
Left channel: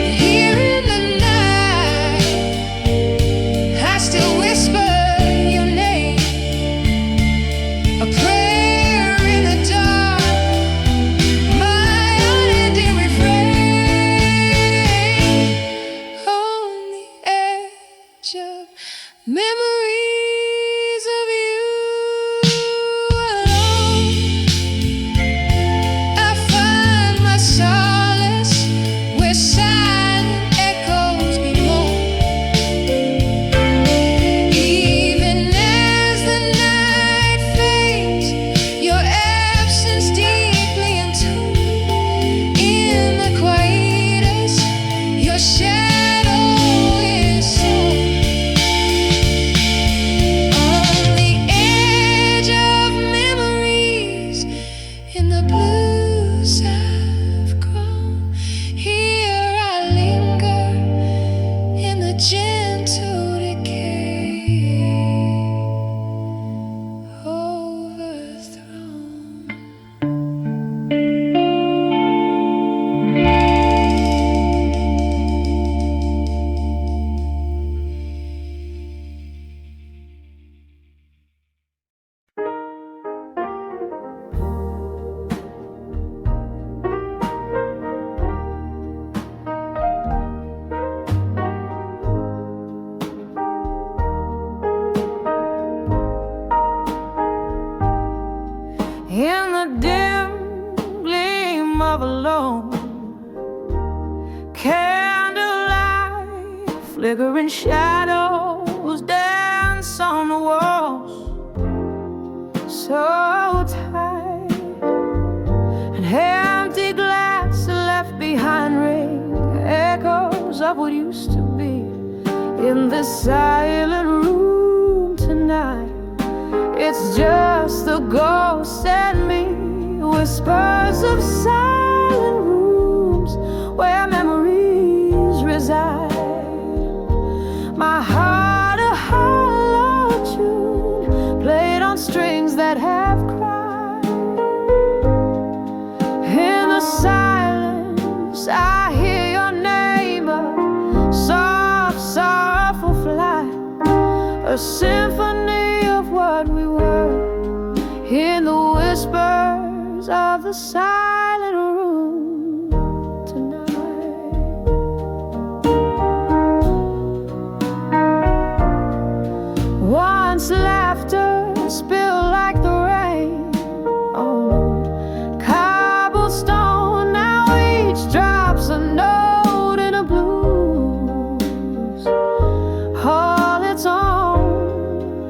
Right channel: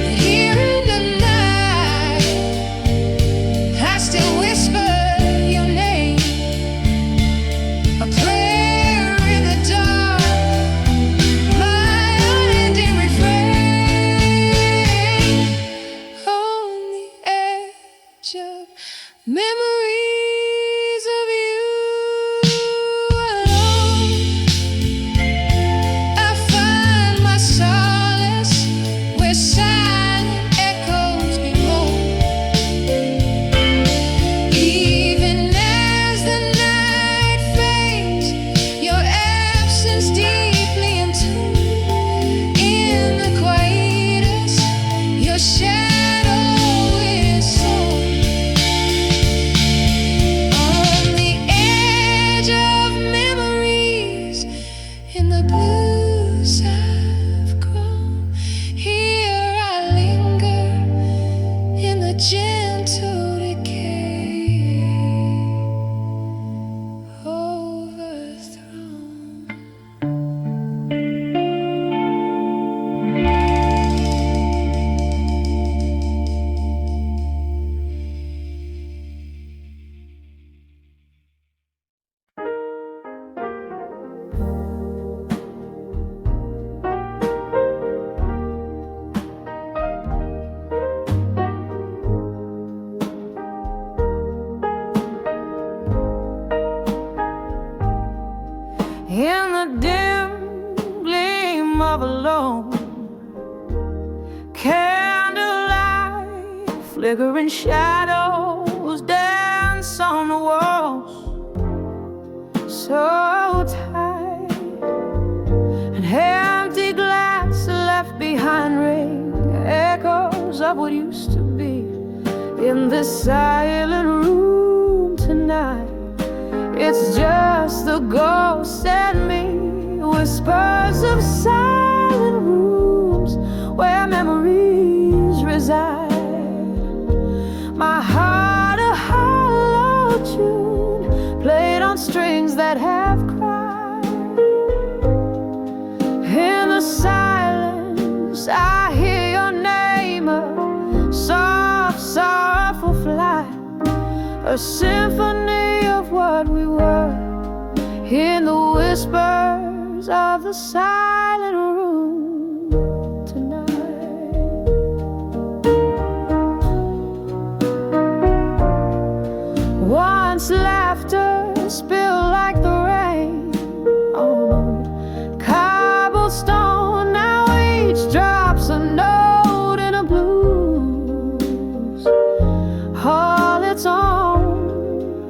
Here in the night, I still whisper your name, a prayer in the dark, my unending refrain. On the edge of memories of you alone, I find my solace where silent echoes bemoan. Even as the night fades, your absence deeply entombed in the quietus, your shadow is sown. On the edge of memories, in the blues I've grown, here I linger in the gentle decay, overthrown. In the dim gleam of a lone candlelight, flickering shadows dance on the walls, so tight. An empty glass left behind ring echoes of what used to be in this silent room tonight. It's just the ghost and me, whispers of silent rooms where memories reside. My heart a hollow tune, played on strings that have cried. In the silence I hear your name, a soft, sorrowful flight, a symphony of what we were, in the whispers of the silent room tonight. Once laughter spilled like the rain on cobblestone, now each drops a note in a blues all its own.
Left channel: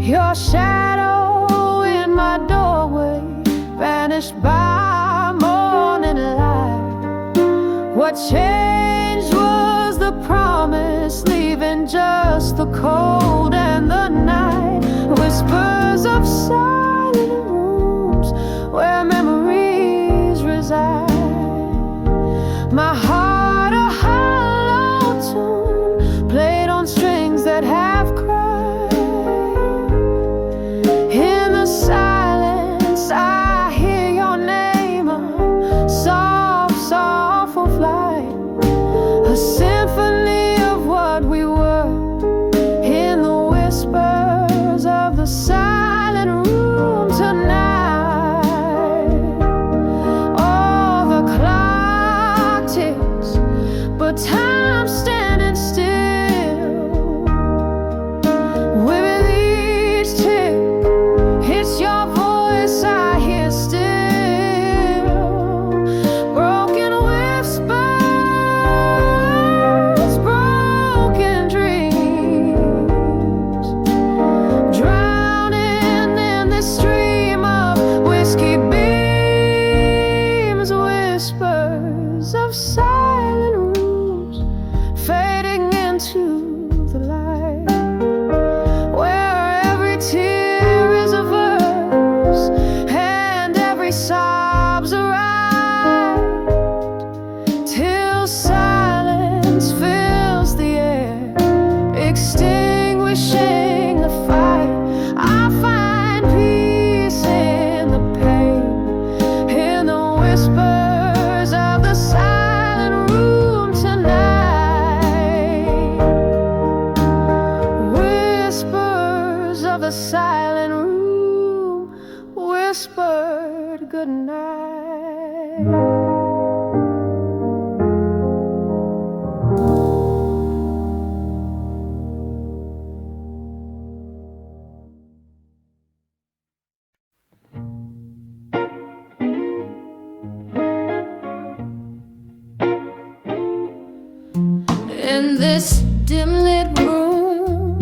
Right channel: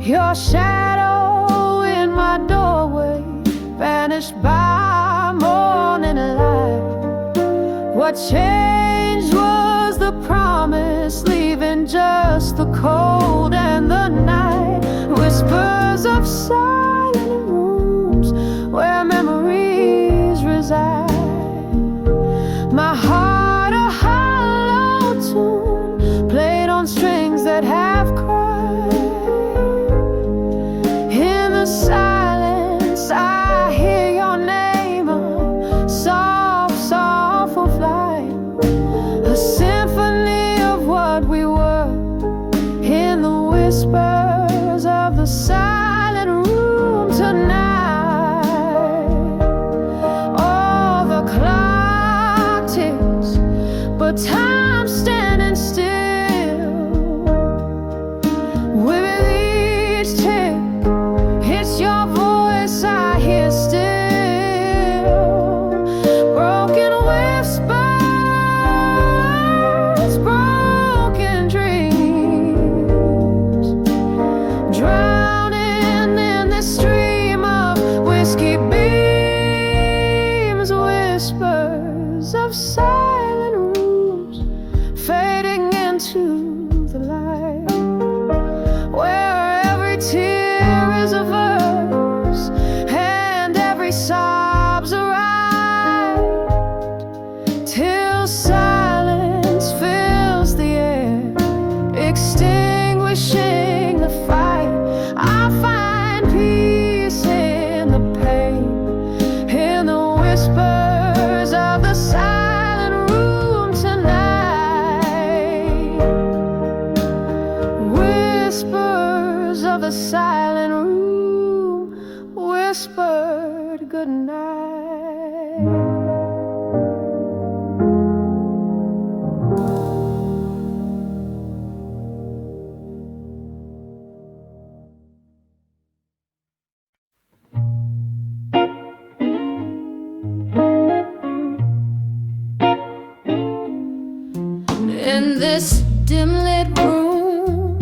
Your shadow in my doorway vanished by morning light. What changed was the promise, leaving just the cold and the night. Whispers of silent rooms where memories reside. My heart a hollow tune, played on strings that have cried. In the silence I hear your name, a soft, soulful flight, a symphony of what we were. In the whispers of the silent room tonight, all the clock ticks, but time's standing still. With each tick, it's your voice I hear still. Broken whispers, broken dreams, drowning in this stream of whiskey beams. Whispers of silent rooms fading into the light, where every tear is a verse and every sob's a ride, till silence fills the air, extinguishing the fight. I find peace in the pain, in the whispers of the silent room tonight. Whispers of the silent room whispered goodnight. In this dim-lit room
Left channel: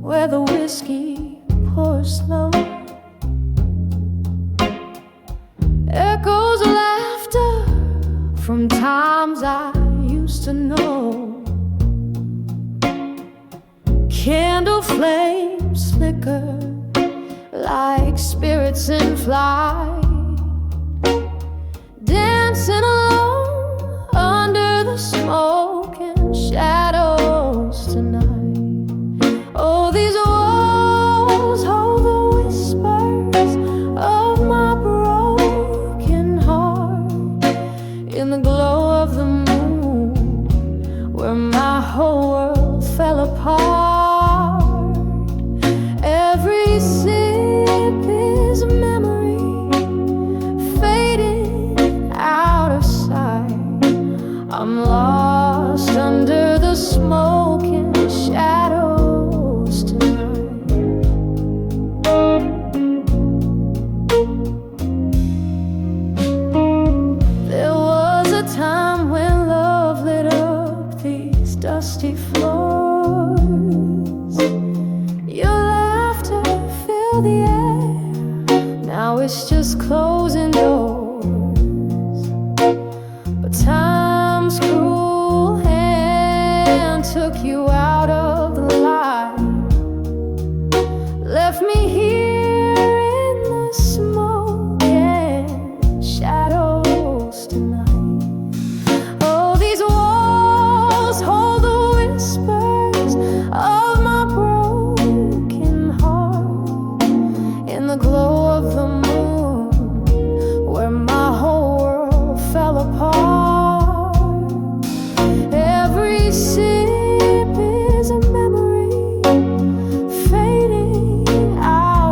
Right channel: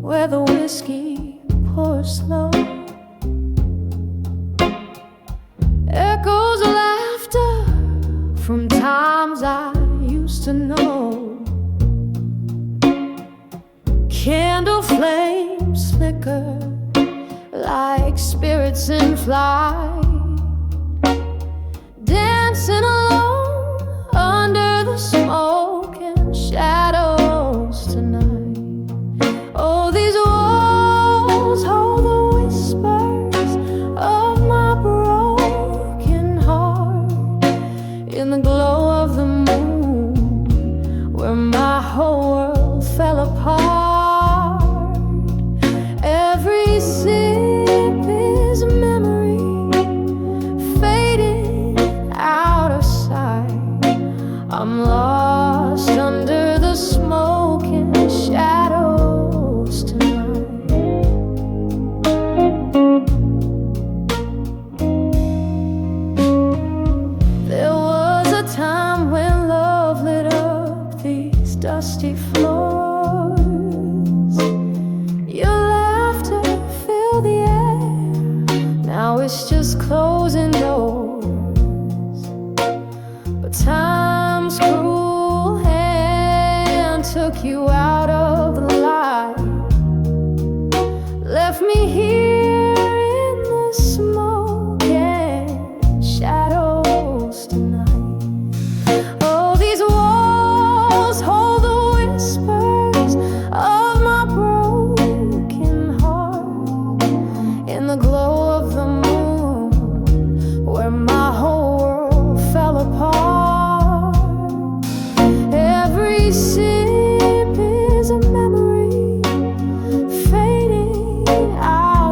where the whiskey pours slow, echoes of laughter from times I used to know. Candle flames flicker like spirits in flight, dancing alone under the smoke and shadows tonight. Oh, these walls hold the whispers of my broken heart. In the glow of the moon, where my whole world fell apart, every sip is a memory fading out of sight. I'm lost under the smoke and shadows tonight. There was a time when love lit up these dusty floors. Your laughter filled the air, now it's just closing doors. But time's cruel hand took you out of the light, left me here in the smoke and shadows tonight. Oh, these walls hold the whispers of my broken heart. In the glow of the moon, where my whole world fell apart, every sip is a memory fading out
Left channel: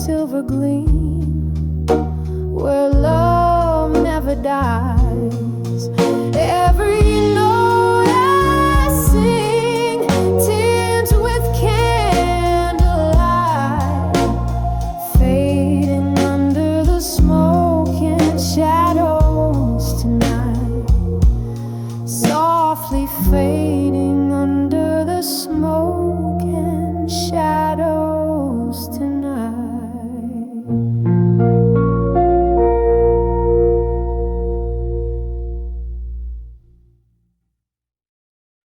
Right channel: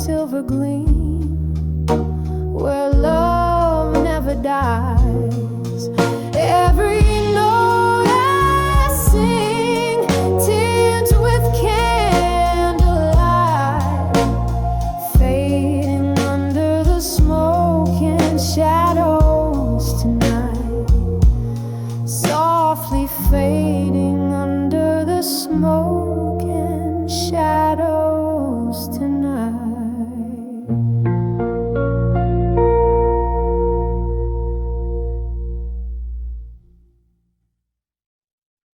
silver gleam, where love never dies.